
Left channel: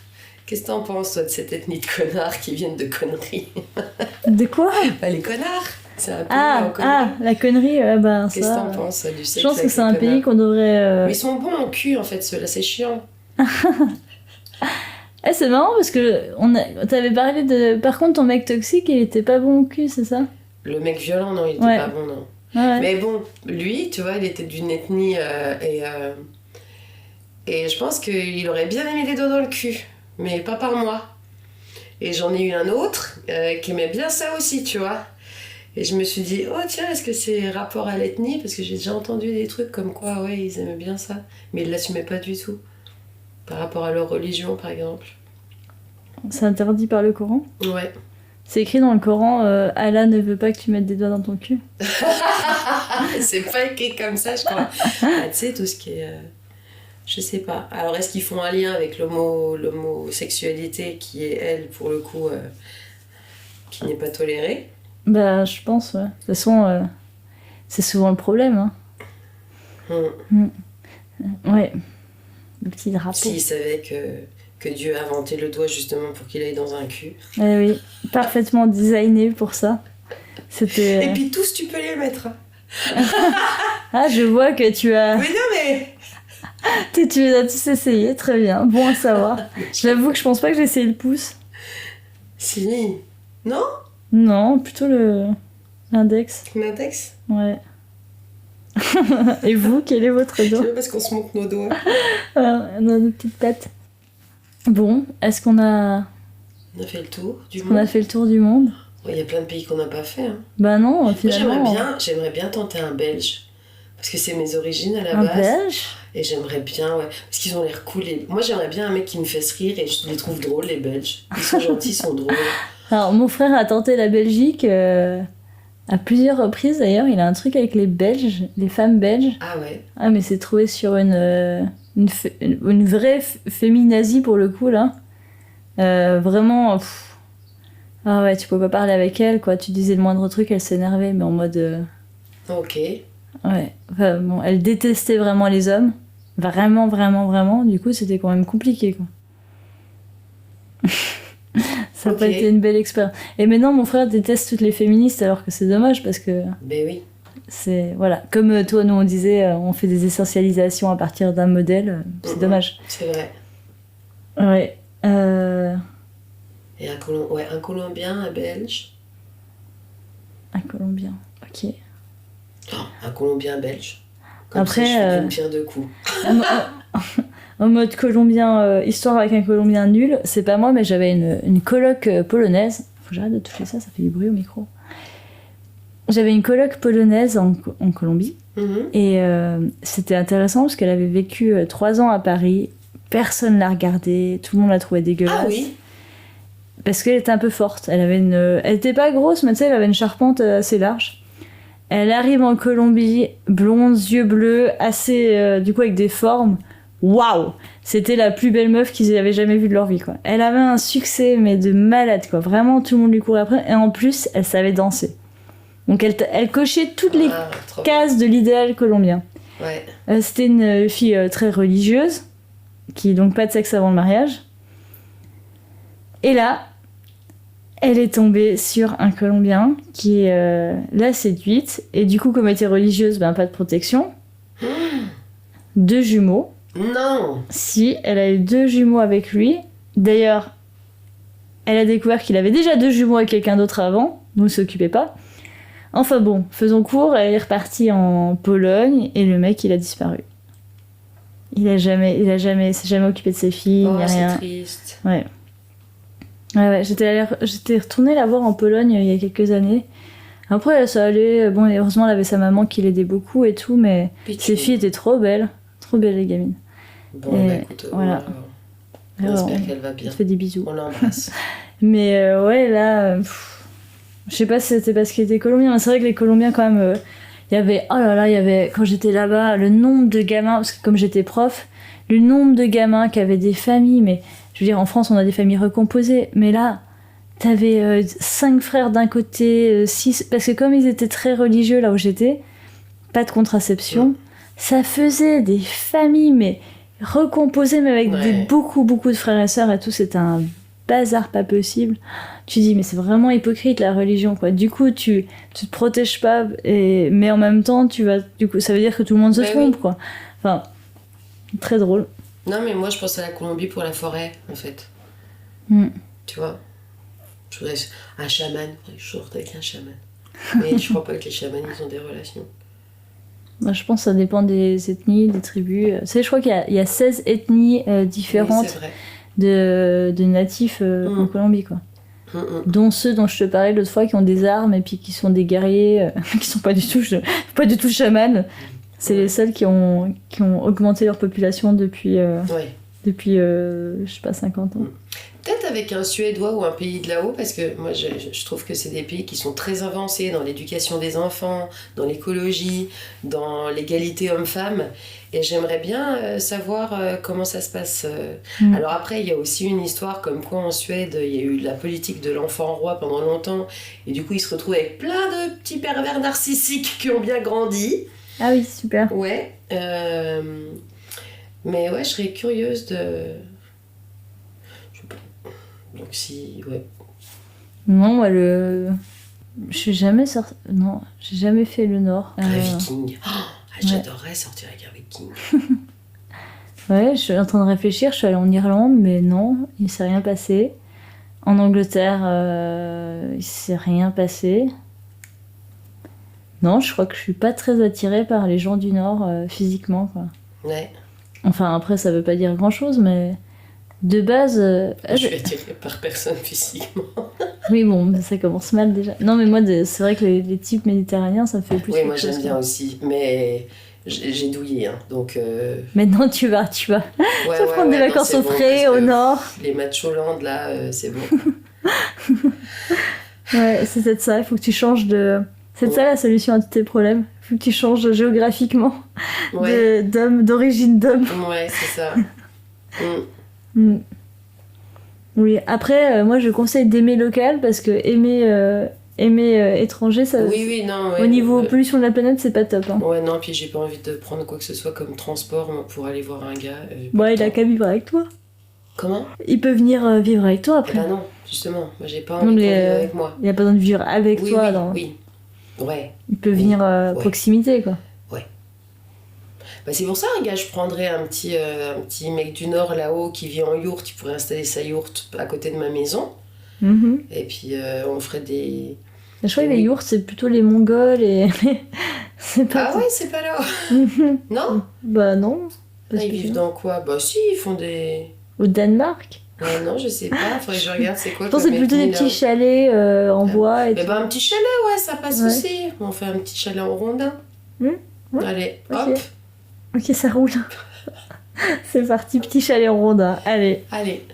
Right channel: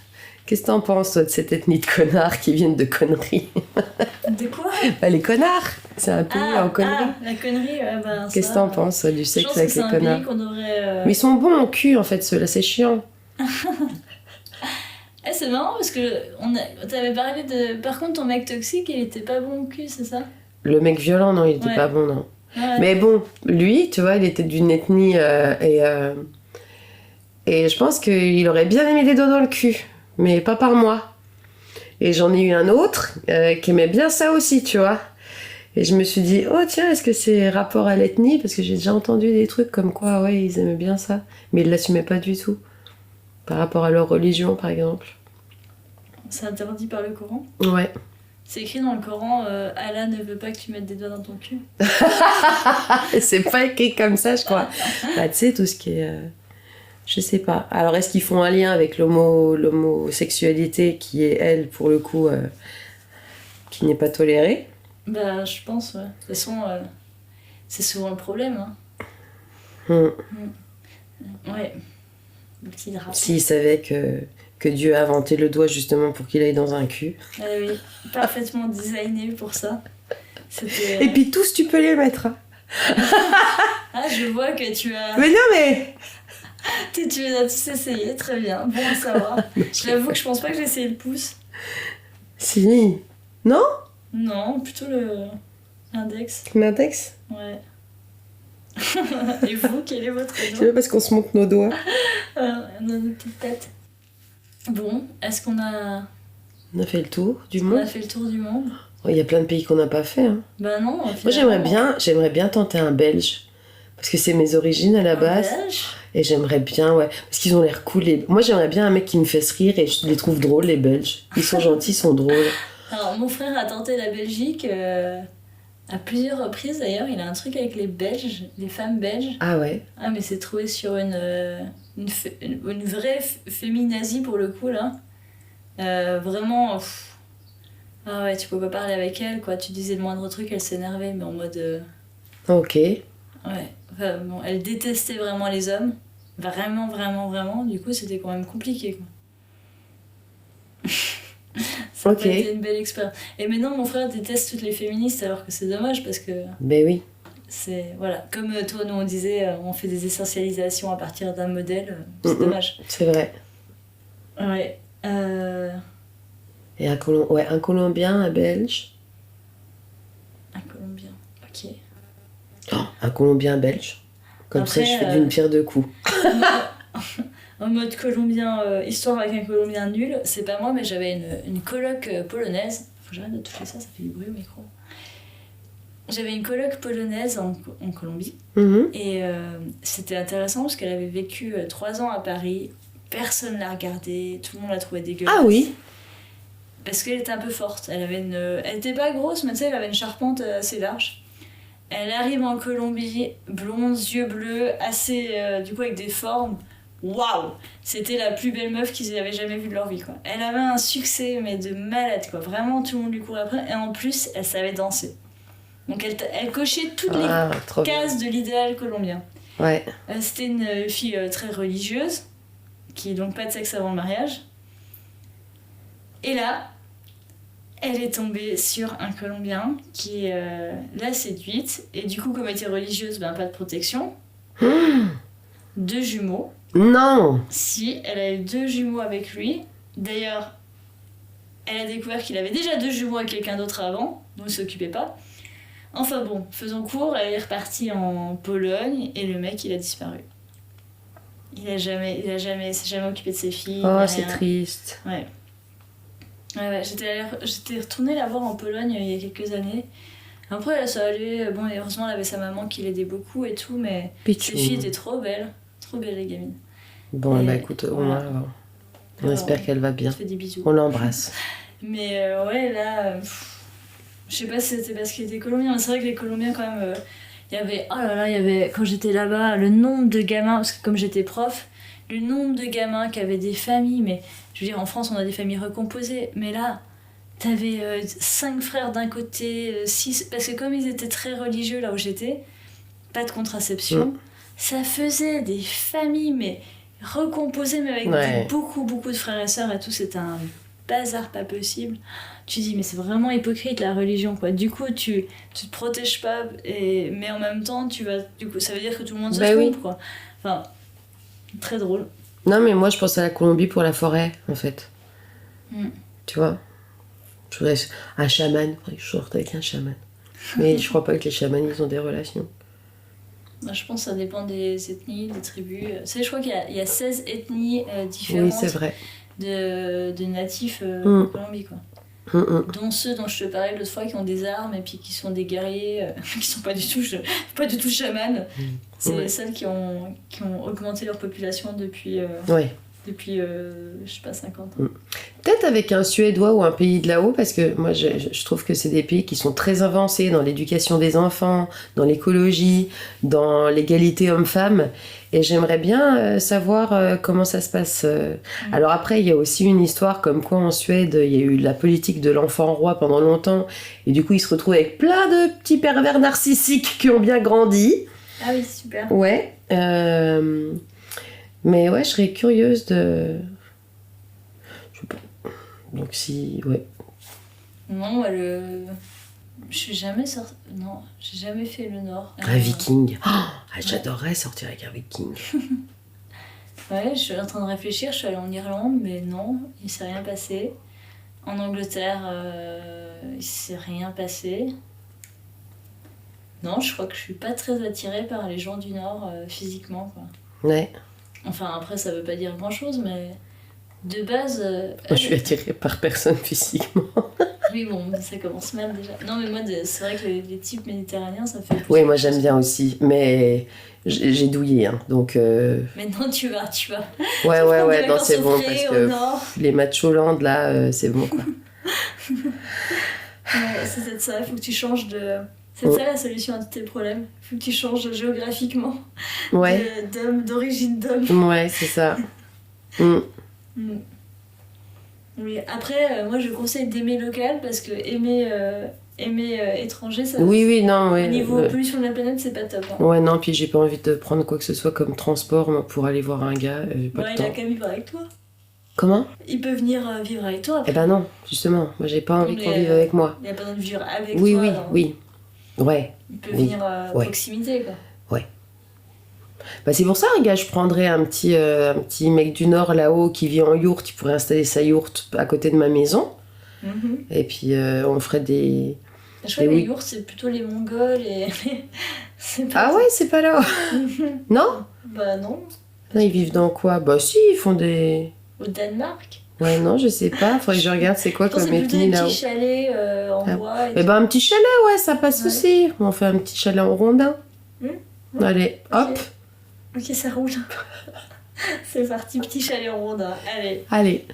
Qu'est-ce que t'en penses, toi, de cette ethnie de connards qui viennent de conneries? De quoi? Bah, les connards, c'est un pays en conneries. la connerie, bah, Qu'est-ce que t'en penses, toi, du sexe Je pense avec que c'est les un connards? pays qu'on devrait. Mais ils sont bons au cul, en fait, ceux-là, c'est chiant. C'est marrant parce que t'avais parlé de. Par contre, ton mec toxique, il était pas bon au cul, c'est ça? Le mec violent, non, il était Ouais. pas bon, non. Ouais. Mais bon, lui, tu vois, il était d'une ethnie et je pense qu'il aurait bien aimé des doigts dans le cul, mais pas par moi. Et j'en ai eu un autre qui aimait bien ça aussi, tu vois. Et je me suis dit, oh tiens, est-ce que c'est rapport à l'ethnie? Parce que j'ai déjà entendu des trucs comme quoi, ouais, ils aimaient bien ça. Mais ils l'assumaient pas du tout. Par rapport à leur religion, par exemple. C'est interdit par le Coran. Ouais. C'est écrit dans le Coran, Allah ne veut pas que tu mettes des doigts dans ton cul. C'est pas écrit comme ça, je crois. Bah, tu sais, tout ce qui est... je sais pas. Alors, est-ce qu'ils font un lien avec l'homosexualité qui est, elle, pour le coup, qui n'est pas tolérée? Bah, je pense, ouais. De toute façon, c'est souvent le problème. Hein. Ouais. Le petit drapeau. S'ils savaient que Dieu a inventé le doigt justement pour qu'il aille dans un cul. Eh oui, parfaitement designé pour ça. C'était... Et puis tous, tu peux les mettre. Ah, je vois que tu as... Mais non, mais... Tu les as tous essayés, très bien. Bon à savoir. J'avoue que je pense pas que j'ai essayé le pouce. Si. Non? Non, plutôt l'index. L'index? Ouais. Et vous, quel est votre C'est doigt? pas parce qu'on se montre nos doigts. On a nos petites têtes. Bon, est-ce qu'on a... On a fait le tour du On a monde. fait le tour du monde? Il y a plein de pays qu'on n'a pas fait. Hein. Bah non, Moi, finalement... j'aimerais bien tenter un Belge. Parce que c'est mes origines à la Un base. Belge? Et j'aimerais bien, ouais. Parce qu'ils ont l'air cool. Moi, j'aimerais bien un mec qui me fasse rire et je les trouve drôles, les Belges. Ils sont gentils, ils sont drôles. Alors, mon frère a tenté la Belgique à plusieurs reprises, d'ailleurs. Il a un truc avec les Belges, les femmes belges. Ah ouais. Ah, mais c'est trouvé sur une vraie féminazie, pour le coup, là. Vraiment... Ah ouais, tu pouvais pas parler avec elle, quoi. Tu disais le moindre truc, elle s'énervait, mais en mode... Ok. Ouais. Enfin, bon, elle détestait vraiment les hommes. Vraiment, vraiment, vraiment. Du coup, c'était quand même compliqué, quoi. Ça n'a pas Ok. été une belle expérience. Et maintenant, mon frère déteste toutes les féministes, alors que c'est dommage, parce que Ben oui. c'est... Voilà. Comme toi, nous, on disait, on fait des essentialisations à partir d'un modèle. C'est dommage. C'est vrai. Ouais. Et un Colombien, un Belge. Un Colombien. Ok. Oh, un Colombien belge. Comme Après, ça, je fais d'une pierre deux coups. En mode colombien, histoire avec un colombien nul, c'est pas moi, mais j'avais une coloc polonaise. Faut que j'arrête de toucher ça, ça fait du bruit au micro. J'avais une coloc polonaise en Colombie. Mhm. Et c'était intéressant parce qu'elle avait vécu 3 ans à Paris. Personne l'a regardée, tout le monde la trouvait dégueulasse. Ah oui. Parce qu'elle était un peu forte. Elle était pas grosse, mais tu sais, elle avait une charpente assez large. Elle arrive en Colombie, blonde, yeux bleus, assez, du coup, avec des formes. Waouh! C'était la plus belle meuf qu'ils avaient jamais vue de leur vie, quoi. Elle avait un succès, mais de malade, quoi. Vraiment, tout le monde lui courait après. Et en plus, elle savait danser. Donc, elle cochait toutes les Trop cases de l'idéal colombien. bien. Ouais. C'était une fille très religieuse, qui donc pas de sexe avant le mariage. Et là, elle est tombée sur un Colombien qui l'a séduite. Et du coup, comme elle était religieuse, ben, pas de protection. 2 jumeaux. Non. Si, elle a eu 2 jumeaux avec lui. D'ailleurs, elle a découvert qu'il avait déjà 2 jumeaux avec quelqu'un d'autre avant. Donc, il s'occupait pas. Enfin bon, faisons court, elle est repartie en Pologne et le mec, il a disparu. Il s'est jamais occupé de ses filles. Oh, ni c'est rien. triste. Ouais. Ouais, j'étais retournée la voir en Pologne il y a quelques années. Après, ça allait. Bon, et heureusement, elle avait sa maman qui l'aidait beaucoup et tout, mais ses filles étaient trop belles. Trop belles, les gamines. Bon, Et bah écoute, voilà. on espère qu'elle va Je bien. te fais des bisous. On l'embrasse. Mais ouais, là, je sais pas si c'était parce qu'il était colombien, mais c'est vrai que les Colombiens, quand même, il y avait, oh là là, il y avait, quand j'étais là-bas, le nombre de gamins, parce que comme j'étais prof, le nombre de gamins qui avaient des familles, mais je veux dire, en France, on a des familles recomposées, mais là, t'avais 5 frères d'un côté, 6, parce que comme ils étaient très religieux là où j'étais, pas de contraception, ça faisait des familles, mais recomposées, mais avec beaucoup de frères et sœurs et tout, c'était un bazar pas possible. Tu dis, mais c'est vraiment hypocrite la religion, quoi. Du coup, tu te protèges pas, mais en même temps, du coup, ça veut dire que tout le monde se trompe, quoi. Enfin, très drôle. Non, mais moi, je pense à la Colombie pour la forêt, en fait. Tu vois? Je voudrais un chaman. Je sorte avec un chaman. Mais je crois pas que les chamans, ils ont des relations. Moi, je pense que ça dépend des ethnies, des tribus. Tu sais, je crois qu'il y a 16 ethnies Oui, différentes c'est vrai. de natifs en Colombie, quoi. Dont ceux dont je te parlais l'autre fois qui ont des armes et puis qui sont des guerriers qui sont pas du tout chamans. C'est Ouais. les seuls qui ont augmenté leur population depuis Ouais. je sais pas 50 ans. Peut-être avec un Suédois ou un pays de là-haut, parce que moi je trouve que c'est des pays qui sont très avancés dans l'éducation des enfants, dans l'écologie, dans l'égalité homme-femme. Et j'aimerais bien savoir comment ça se passe. Alors après, il y a aussi une histoire comme quoi en Suède, il y a eu la politique de l'enfant roi pendant longtemps. Et du coup, ils se retrouvent avec plein de petits pervers narcissiques qui ont bien grandi. Ah oui, super. Ouais. Mais ouais, je serais curieuse de... Je sais pas. Donc si... Ouais. Non, moi, je suis jamais sorti. Non, j'ai jamais fait le Nord. Un viking. Oh, j'adorerais sortir avec un viking. Ouais, je suis en train de réfléchir. Je suis allée en Irlande, mais non, il s'est rien passé. En Angleterre, il s'est rien passé. Non, je crois que je suis pas très attirée par les gens du Nord physiquement, quoi. Ouais. Enfin, après, ça veut pas dire grand-chose, mais de base... Je suis attirée par personne physiquement. Oui, bon, ça commence mal déjà. Non, mais moi, c'est vrai que les types méditerranéens, ça me fait plus... Oui, quelque moi chose, j'aime bien quoi. aussi. Mais j'ai douillé, hein, donc... Maintenant, tu vas Ouais, tu vas prendre des non, vacances c'est au bon, frais, parce au que Nord. Les matchs Hollande, là, c'est bon. Quoi. Ouais, c'est peut-être ça, il faut que tu changes de... C'est ça la solution à tous tes problèmes. Il faut que tu changes géographiquement Ouais, d'origine d'homme. ouais, c'est ça. Mm. Oui, après, moi je conseille d'aimer local parce que aimer étranger, ça, Oui, non, ouais. au niveau pollution de la planète, c'est pas top. Hein. Ouais, non, puis j'ai pas envie de prendre quoi que ce soit comme transport moi, pour aller voir un gars. J'ai pas Bon, le il a temps. qu'à vivre avec toi. Comment? Il peut venir vivre avec toi après. Eh ben non, justement, moi j'ai pas Non, envie mais, qu'on vive avec moi. Il a pas besoin de vivre avec Oui, toi. oui, alors. oui. Ouais. Il peut Oui. venir Ouais. proximité, quoi. Bah c'est pour ça, un gars, je prendrais un petit mec du Nord là-haut qui vit en yourte, il pourrait installer sa yourte à côté de ma maison. Mhm. Et puis on ferait des... Je crois Et que les oui. yourtes, c'est plutôt les Mongols et... c'est pas... Ah ouais, c'est pas là. Non? Bah non. Non, ils vivent dans quoi? Bah si, ils font des... Au Danemark. Ouais, non, je sais pas, faudrait que je regarde c'est quoi Je pense que comme c'est plutôt des ethnie là-haut. petits chalets en bois. Et Eh tout. ben un petit chalet, ouais, ça passe Ouais. aussi. On fait un petit chalet en rondin. Ouais. Allez, Ok. hop, Ok, ça roule. C'est parti, petit chalet en rondin. Allez. allez,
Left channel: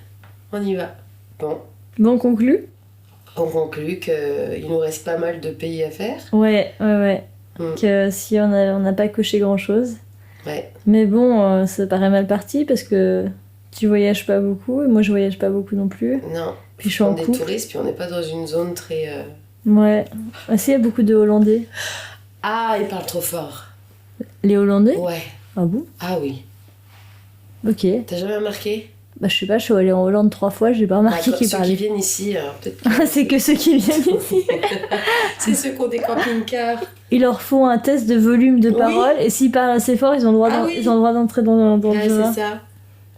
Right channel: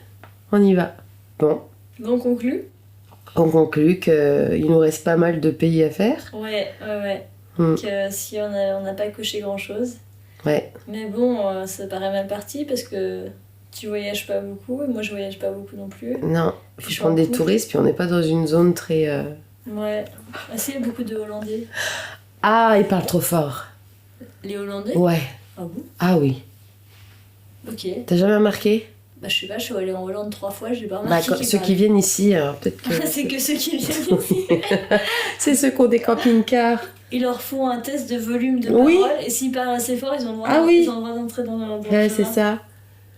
on y va. Bon, Bon, on conclut. on conclut qu'il nous reste pas mal de pays à faire. Ouais. Mm. Que si on n'a pas coché grand-chose. Ouais, Mais bon, ça paraît mal parti parce que tu voyages pas beaucoup et moi je voyage pas beaucoup non plus. non, Puis je faut suis en prendre des couple. touristes, puis on n'est pas dans une zone très... Ouais. Ah si, il y a beaucoup de Hollandais. Ah, ils parlent trop fort. Les Hollandais? Ouais, Ah bon? ah oui. Ok. T'as jamais remarqué? Bah je sais pas, je suis allée en Hollande 3 fois, j'ai pas Bah, remarqué quand- qu'ils ceux parlaient. qui viennent ici, alors peut-être que... Ah, c'est que ceux qui viennent ici. C'est ceux qui ont des camping-cars. Ils leur font un test de volume de Oui. parole et s'ils parlent assez fort, ils ont le droit, Ah oui. ils ont le droit d'entrer dans Ouais, le c'est jeu. ça.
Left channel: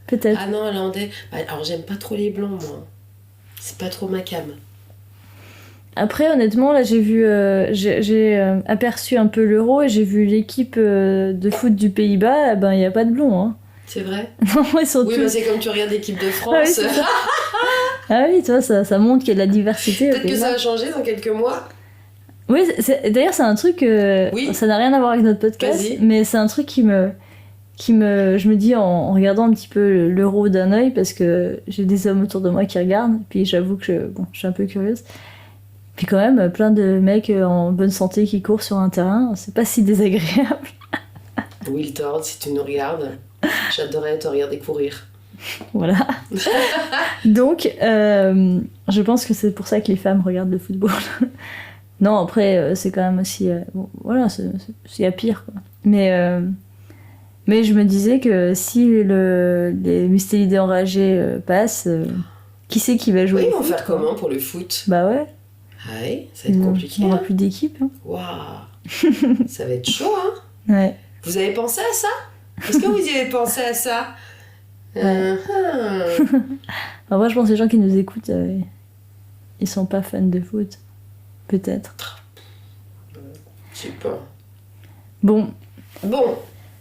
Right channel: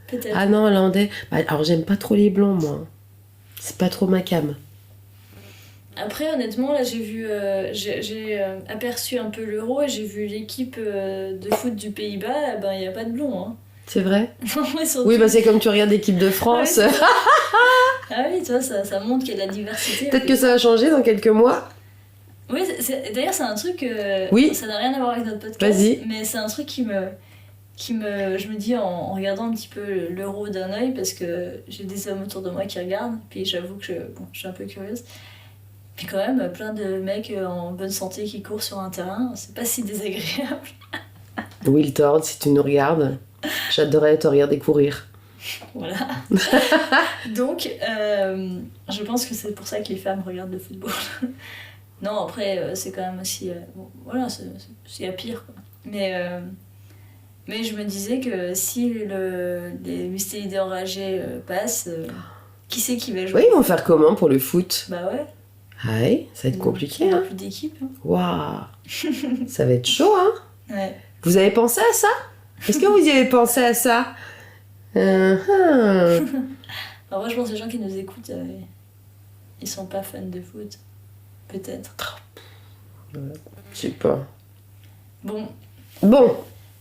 Peut-être. Ah non, hollandais. Bah, alors j'aime pas trop les blancs, moi. C'est pas trop ma cam. Après, honnêtement, là, j'ai vu, j'ai aperçu un peu l'Euro et j'ai vu l'équipe de foot du Pays-Bas. Ben, il y a pas de blond, hein. C'est vrai? Non, ils sont Oui, tous- bah c'est comme tu regardes l'équipe de France. Ah oui, c'est ça. Ah oui, tu vois, ça montre qu'il y a de la diversité. aux Peut-être que Pays-Bas. ça va changer dans quelques mois. Oui, d'ailleurs, c'est un truc. Oui. Ça n'a rien à voir avec notre podcast. Vas-y. Mais c'est un truc qui me. Je me dis en regardant un petit peu l'Euro d'un œil, parce que j'ai des hommes autour de moi qui regardent. Puis j'avoue que je suis un peu curieuse. Puis quand même, plein de mecs en bonne santé qui courent sur un terrain. C'est pas si désagréable. Will Tord, si tu nous regardes, j'adorerais te regarder courir. Voilà. Donc, je pense que c'est pour ça que les femmes regardent le football. Non, après, c'est quand même aussi... bon, voilà, il y a pire, quoi. Mais je me disais que si les Mustélidés enragés passent, qui c'est qui va jouer Oui, au ils vont foot, faire quoi. comment pour le foot? Bah ouais. Ah oui, ça va être compliqué. Il n'y Hein. aura plus d'équipe. Hein. Waouh. Ça va être chaud, hein. Ouais. Vous avez pensé à ça? Est-ce que vous y avez pensé à ça? Uh-huh. En vrai, je pense que les gens qui nous écoutent, ils sont pas fans de foot. Peut-être. Je sais pas. Bon, Bon,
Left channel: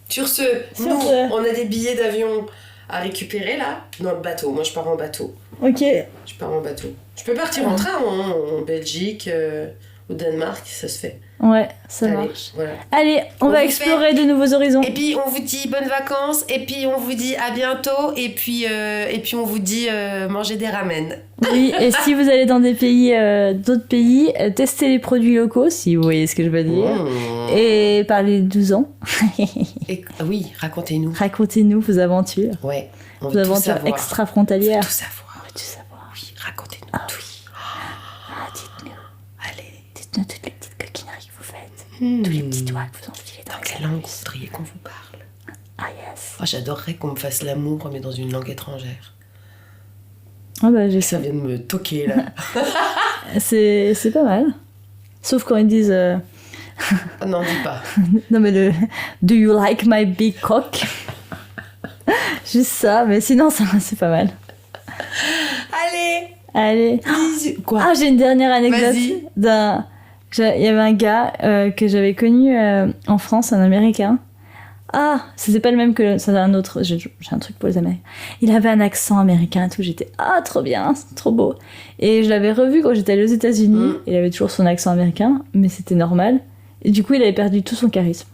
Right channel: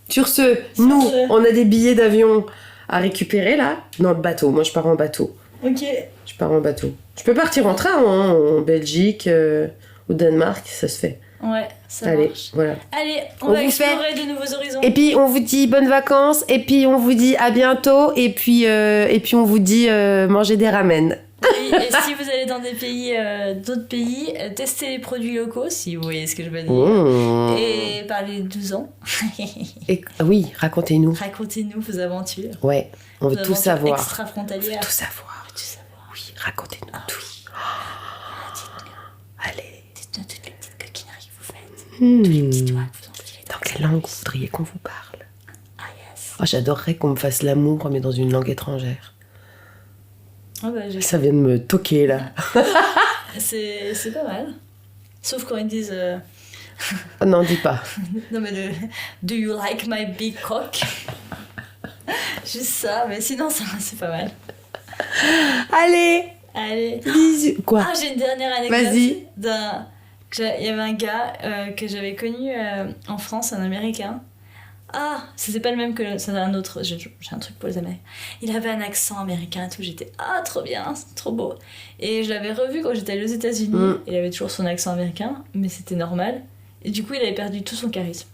sur ce, Sur nous, ce. on a des billets d'avion à récupérer là. Non, le bateau. Moi, je pars en bateau. ok. Je pars en bateau. Je peux partir en train, hein, en Belgique, au Danemark, ça se fait. Ouais, ça Allez, marche. voilà. Allez, on On va vous explorer de nouveaux horizons. Et puis, on vous dit bonnes vacances, et puis on vous dit à bientôt, et puis on vous dit mangez des ramen. Oui, et si vous allez dans des pays, d'autres pays, testez les produits locaux, si vous voyez ce que je veux dire. Mmh. Et parlez de 12 ans. Oui, racontez-nous. Racontez-nous vos aventures. Ouais, on Vos veut tout aventures savoir. extra-frontalières. Tout savoir. Tout savoir. Oui, racontez-nous tout. Dites-nous. Allez. Dites-nous toutes les petites coquineries que vous faites. Tous Les petits doigts que vous enfilez Dans quelle langue vous voudriez qu'on vous parle? Ah yes. Oh, j'adorerais qu'on me fasse l'amour, mais dans une langue étrangère. Ah bah, Ça vient de me toquer, là. c'est pas mal. Sauf quand ils disent... Ah non, dis pas. Non mais le Do you like my big cock? Juste ça, mais sinon ça c'est pas mal. Allez, Allez. bisous. Quoi? Ah, j'ai une dernière anecdote. Vas-y. Il y avait un gars que j'avais connu en France, un Américain. Ah, c'était pas le même que... C'est un autre. J'ai un truc pour les Américains. Il avait un accent américain et tout. J'étais... Ah, trop bien, c'est trop beau. Et je l'avais revu quand j'étais allée aux États-Unis. Mm. Il avait toujours son accent américain, mais c'était normal. Et du coup, il avait perdu tout son charisme.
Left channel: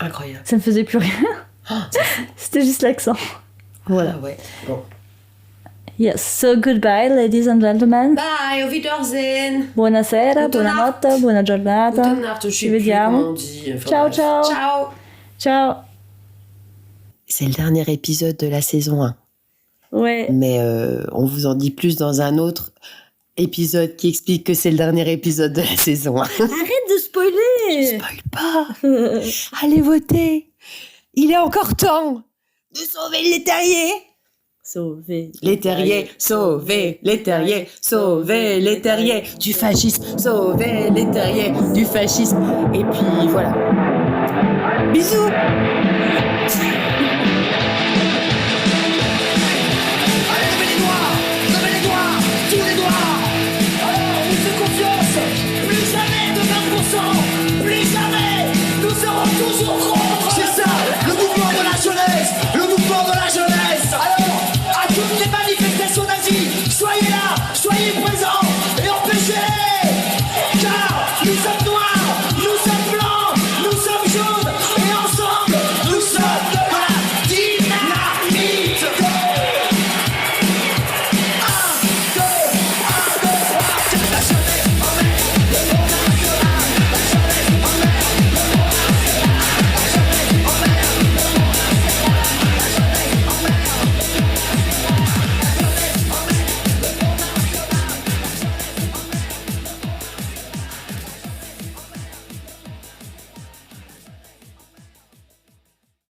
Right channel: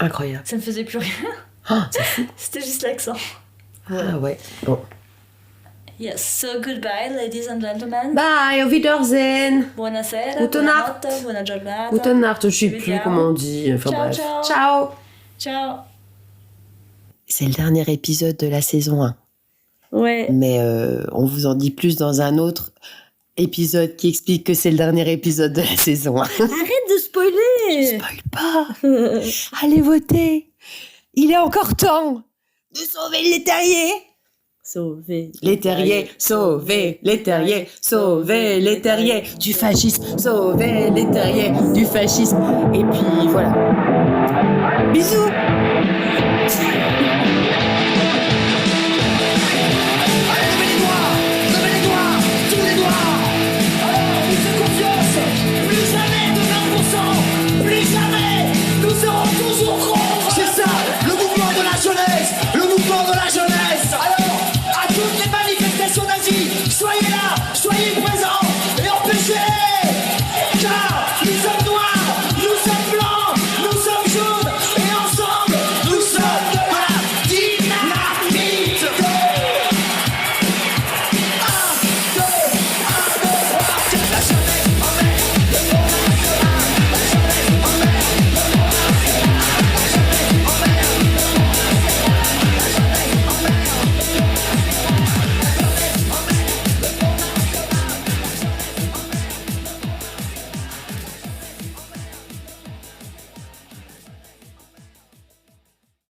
Incroyable. Ça ne faisait plus rien. Ah, c'est fou. C'était juste l'accent. Voilà. Ah ouais. Bon. Yes, so goodbye, ladies and gentlemen. Bye, auf Wiedersehen. Buonasera, Gute Nacht. buonanotte, buona giornata. Gute Nacht, je sais Ci plus vediamo. comment on dit. Enfin, Ciao, bref. ciao. Ciao. Ciao. C'est le dernier épisode de la saison 1. Ouais. Mais on vous en dit plus dans un autre épisode qui explique que c'est le dernier épisode de la saison 1. Arrête de spoiler. Spoil pas. Allez voter. Il est encore temps de sauver les terriers. Sauver. Les terriers, sauver les terriers, sauver les terriers du fascisme, sauver les terriers du fascisme. Et puis voilà. Bisous.